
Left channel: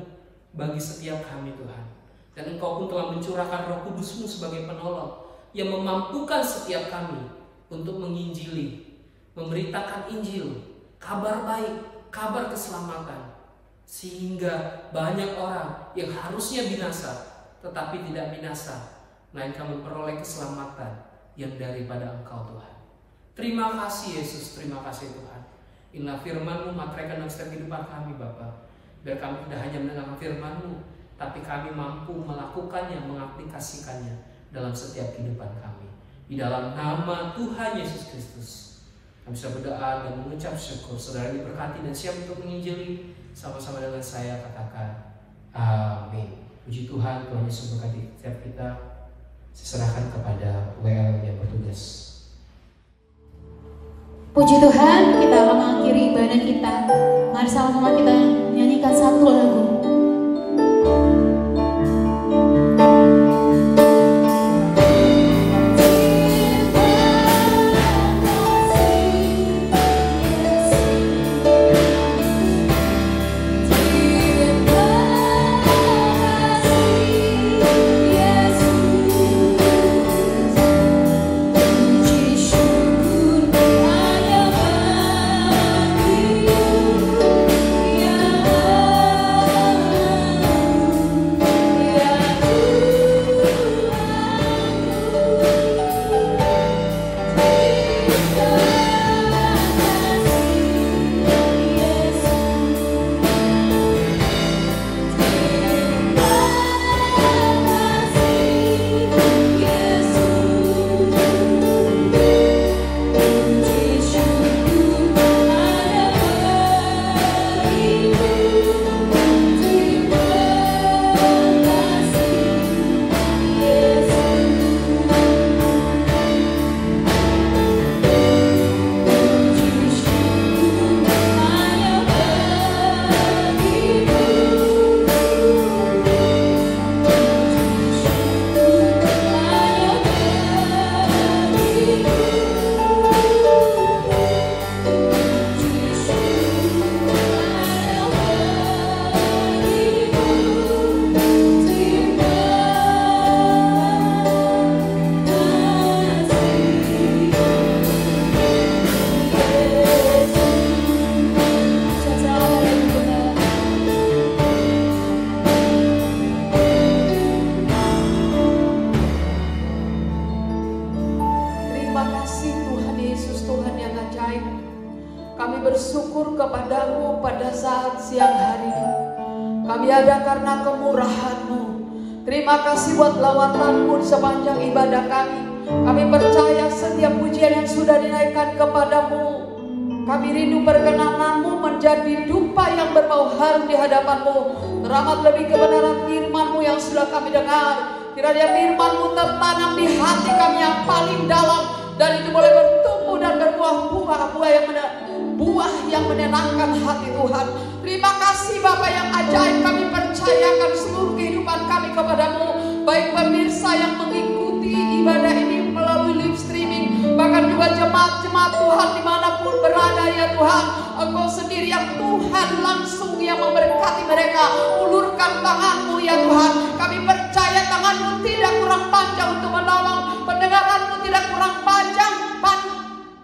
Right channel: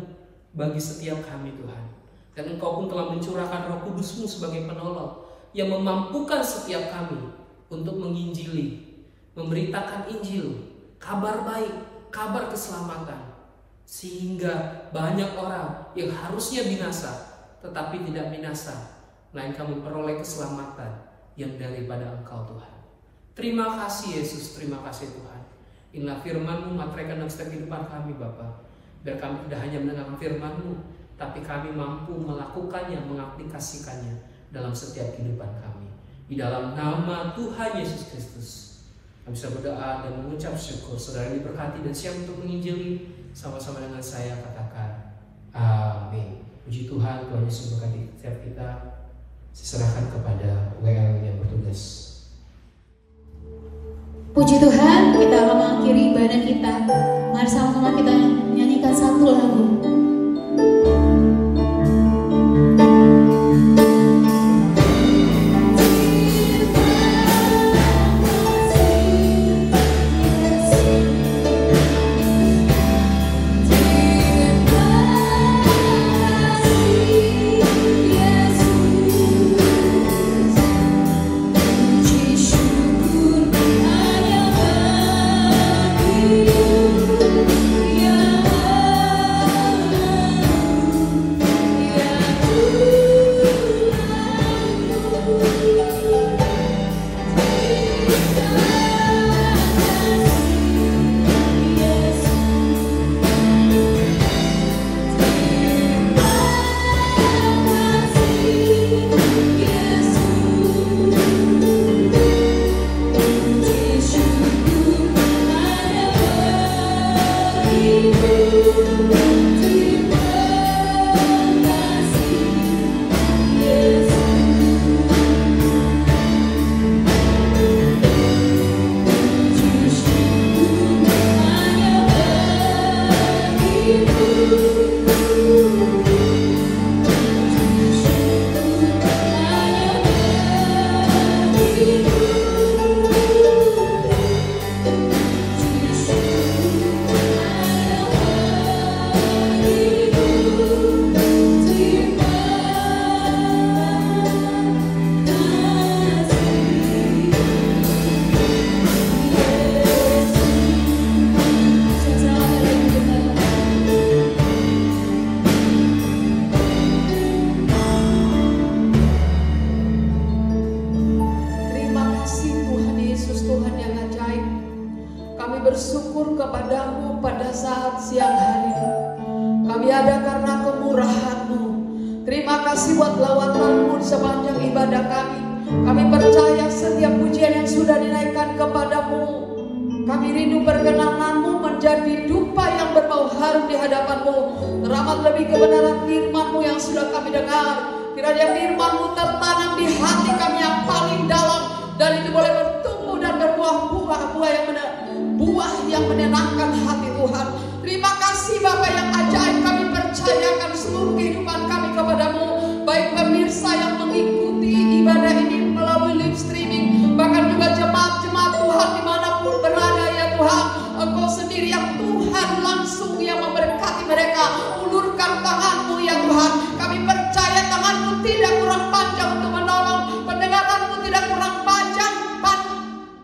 bagi setiap kami Tuhan. Dan Engkau pun telah mencurahkan Roh Kudus-Mu sebagai penolong yang memampukan setiap kami untuk menginjili, memberitakan Injil, kabar baik, kabar keselamatan, sehingga banyak orang yang harusnya binasa tetapi tidak binasa, melainkan memperoleh keselamatan yang daripada Engkau Tuhan. Terima kasih Yesus, terima kasih Tuhan. Inilah firman-Mu, materaikan dalam setiap kehidupan kami Bapa. Biar kami tidak hanya mendengarkan firman-Mu, tapi kami mampu melakukannya, mengaplikasikannya dalam setiap kehidupan kami. Di dalam nama Tuhan Yesus Kristus kami bisa berdoa dan mengucap syukur. Saudara diberkati dan siap untuk menginjili. Sama-sama dengan saya katakan amin. Puji Tuhan, Tuhan Yesus berkati setiap kita. Saya serahkan kepada WL yang bertugas. Puji Tuhan, kita akan mengakhiri ibadah kita. Mari sama-sama kita nyanyikan satu lagu. bersyukur kepadamu pada saat siang hari ini. Kami ada karena kemurahan-Mu. Terima kasih buat lawatanmu sepanjang ibadah kami. Kami percaya setiap pujian yang sudah dinaikkan kepadamu, kami rindu perkenan-Mu menjadi dupa yang berbau harum di hadapan-Mu. Teramat lebih kebenaran firman-Mu yang sudah kami dengar. Kiranya firman-Mu tertanam di hati kami yang paling dalam, dan itu boleh bertumbuh dan berbuah buah yang menenangkan hati Tuhan. Terima kasih Bapa yang ajaib, kami percayakan seluruh kehidupan kami kepadamu. Baik pemirsa yang mengikuti ibadah ini melalui live streaming, bahkan juga jemaat-jemaat Tuhan dimanapun berada ya Tuhan. Engkau sendiri yang Tuhan langsung yang memberkati mereka. Ulurkan tangan-Mu ya Tuhan. Kami percaya tangan-Mu tidak kurang panjang untuk menolong, pendengaran-Mu tidak kurang panjang,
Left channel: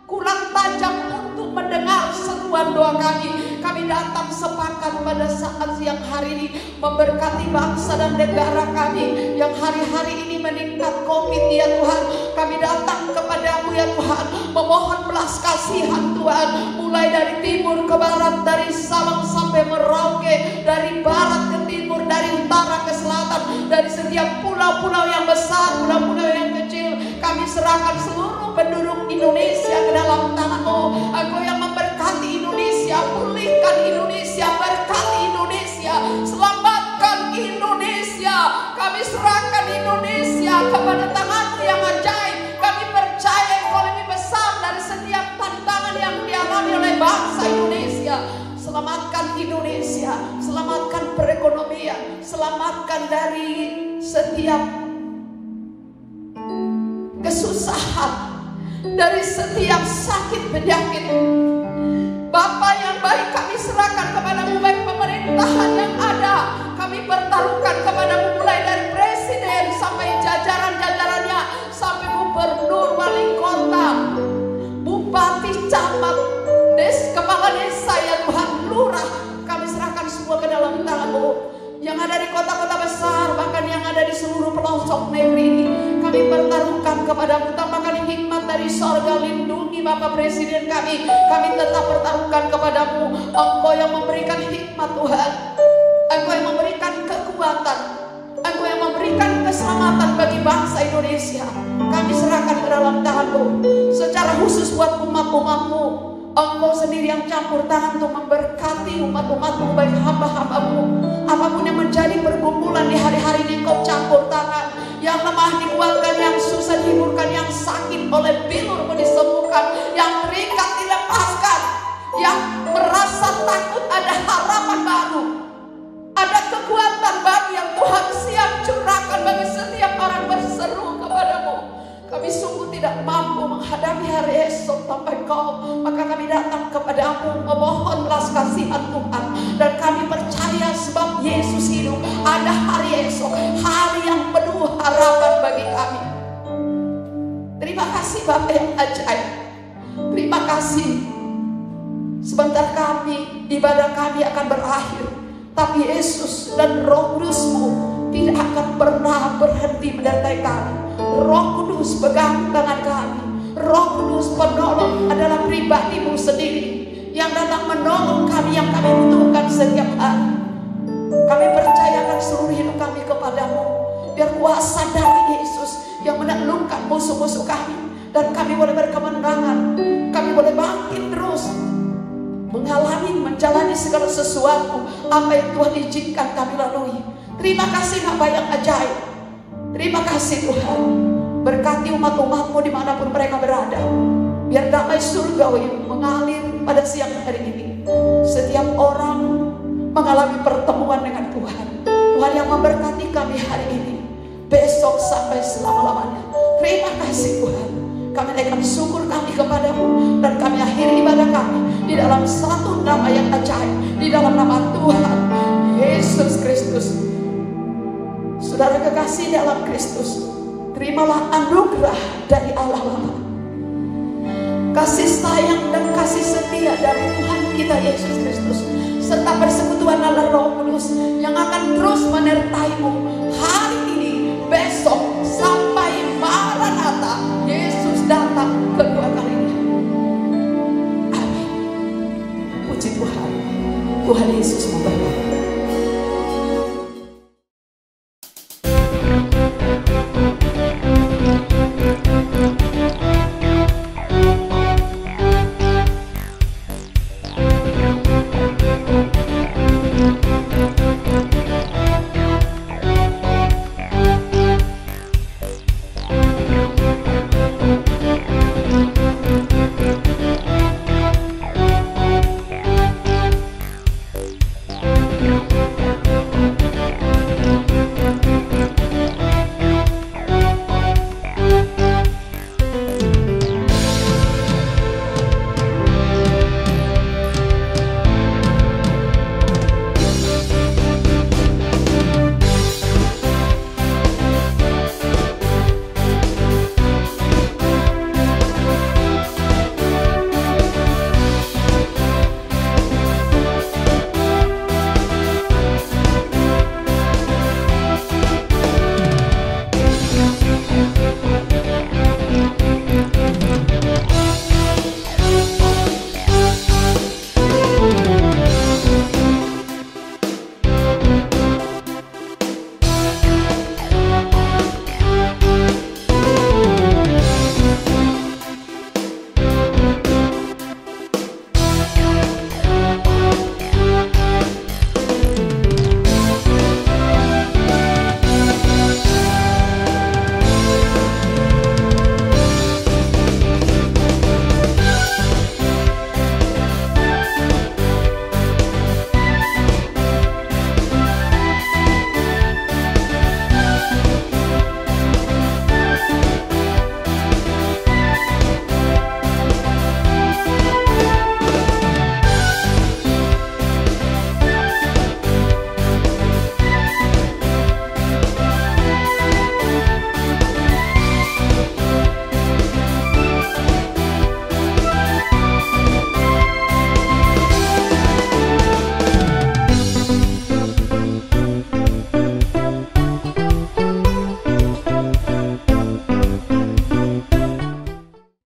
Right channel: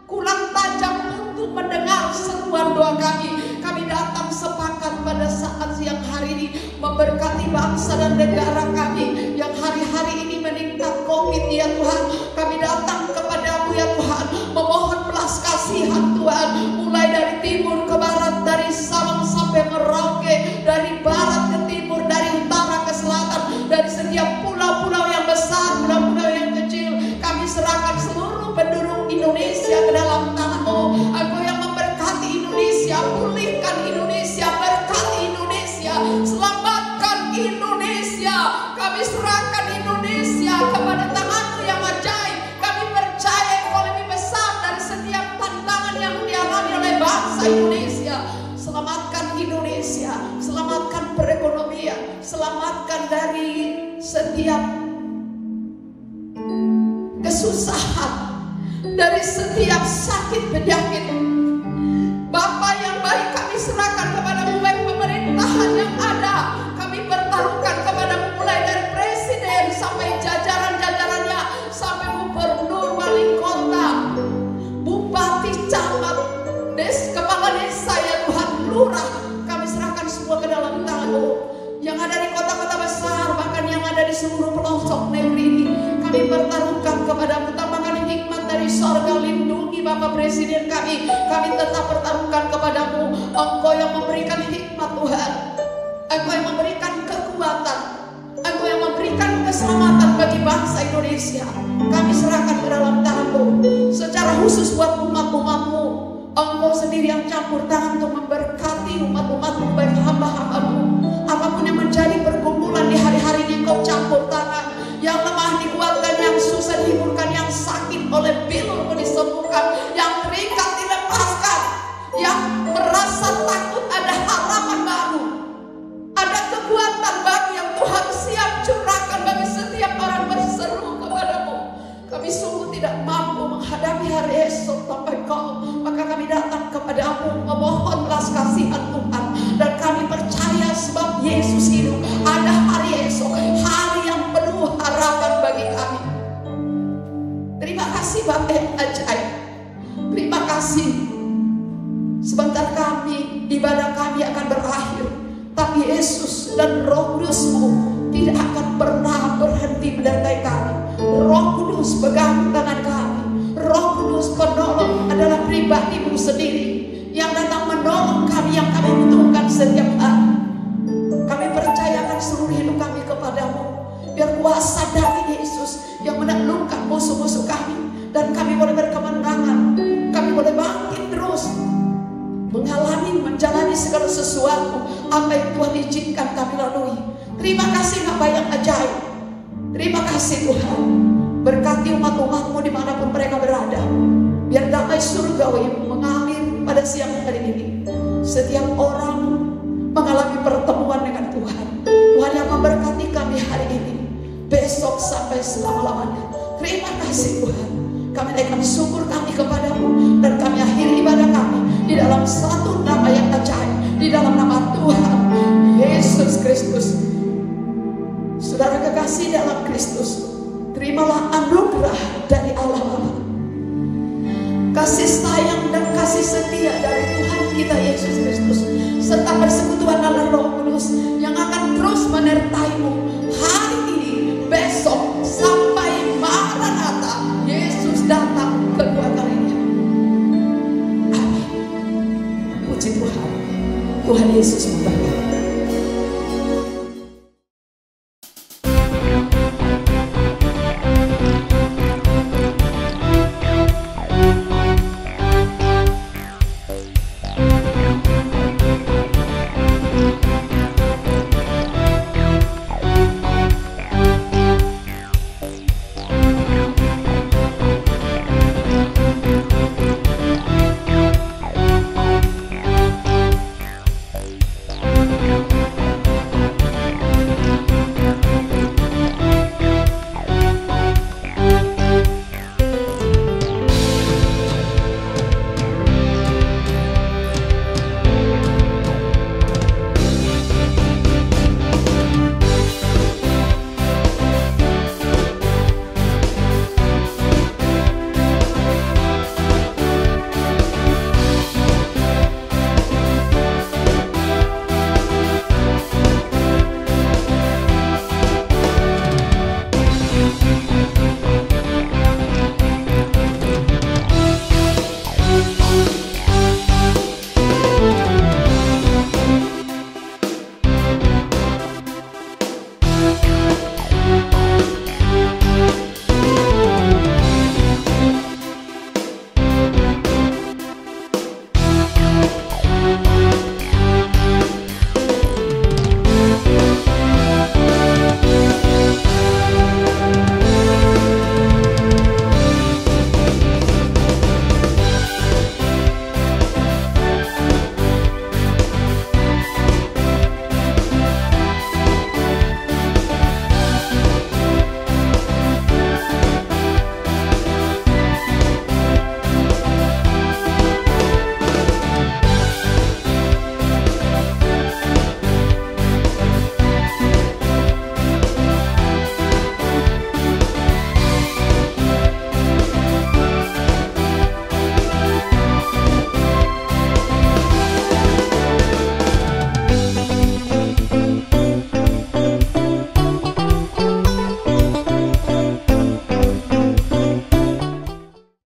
kurang tajam untuk mendengar seruan doa kami. Kami datang sepakat pada saat siang hari ini memberkati bangsa dan negara kami yang hari-hari ini meningkat COVID ya Tuhan. Kami datang kepadamu ya Tuhan, memohon belas kasihan Tuhan, mulai dari timur ke barat, dari Sabang sampai Merauke, dari barat ke timur, dari utara ke selatan, dari setiap pulau-pulau yang besar, pulau-pulau yang kecil. Kami serahkan seluruh penduduk Indonesia ke dalam tangan-Mu. Engkau yang memberkati Indonesia, pulihkan Indonesia, berkati Indonesia, selamatkan Indonesia. Kami serahkan Indonesia kepada tangan-Mu yang ajaib. Kami percaya Engkau lebih besar dari setiap tantangan yang dialami oleh bangsa Indonesia. Selamatkan Indonesia, selamatkan perekonomian, selamatkan dari setiap kesusahan, dari setiap sakit penyakit. Bapa yang baik, kami serahkan kepadamu, baik pemerintahan yang ada. Kami bertaruhkan kepadamu mulai dari presiden sampai jajaran-jajarannya, sampai gubernur, wali kota, bupati, camat, kepala desa ya Tuhan, lurah. Kami serahkan semua ke dalam tangan-Mu. Yang ada di kota-kota besar, bahkan yang ada di seluruh pelosok negeri ini, kami bertaruhkan kepadamu. Tambahkan hikmat dari sorga, lindungi Bapak Presiden kami. Kami tetap bertaruhkan kepadamu. Engkau yang memberikan hikmat Tuhan, Engkau yang memberikan kekuatan, Engkau yang memberikan keselamatan bagi bangsa Indonesia. Kami serahkan ke dalam tangan-Mu. Secara khusus buat umat-umat-Mu, Engkau sendiri yang campur tangan untuk memberkati umat-umat-Mu, baik hamba-hamba-Mu. Apapun yang menjadi pergumulan di hari-hari ini, Engkau campur tangan. Yang lemah dikuatkan, yang susah dihiburkan, yang sakit oleh bingur disembuhkan, yang terikat dilepaskan, yang merasa takut ada harapan baru, ada kekuatan baru yang Tuhan siap curahkan bagi setiap orang berseru kepadamu. Kami sungguh tidak mampu menghadapi hari esok tanpa Engkau, maka kami datang kepadamu memohon belas kasihan Tuhan. Dan kami percaya sebab Yesus hidup, ada hari esok, hari yang penuh harapan bagi kami. Terima kasih Bapa yang ajaib. Terima kasih. Sebentar kami, ibadah kami akan berakhir, tapi Yesus dan Roh Kudus-Mu tidak akan pernah berhenti menyertai kami. Roh Kudus pegang tangan kami. Roh Kudus penolong adalah pribadi-Mu sendiri yang datang menolong kami yang kami butuhkan setiap hari. Kami percayakan seluruh hidup kami kepadamu. Biar kuasa dari Yesus yang menaklukkan musuh-musuh kami, dan kami boleh berkemenangan. Kami boleh bangkit terus, menjalani segala sesuatu apa yang Tuhan izinkan kami lalui. Terima kasih Bapa yang ajaib. Terima kasih Tuhan. Berkati umat-umat-Mu dimanapun mereka berada. Biar damai surgawi mengalir pada siang hari ini. Setiap orang mengalami pertemuan dengan Tuhan. Tuhan yang memberkati kami hari ini, besok sampai selama-lamanya. Terima kasih Tuhan. Kami naikkan syukur kami kepadamu, dan kami akhiri ibadah kami di dalam satu nama yang ajaib, di dalam nama Tuhan Yesus Kristus. Saudara kekasih dalam Kristus, terimalah anugerah dari Allah Bapa, kasih sayang dan kasih setia dari Tuhan kita Yesus Kristus, serta persekutuan Allah Roh Kudus yang akan terus menyertai-Mu hari ini, besok, sampai Maranatha Yesus datang kedua kalinya. Amin. Tuhan Yesus memberkati.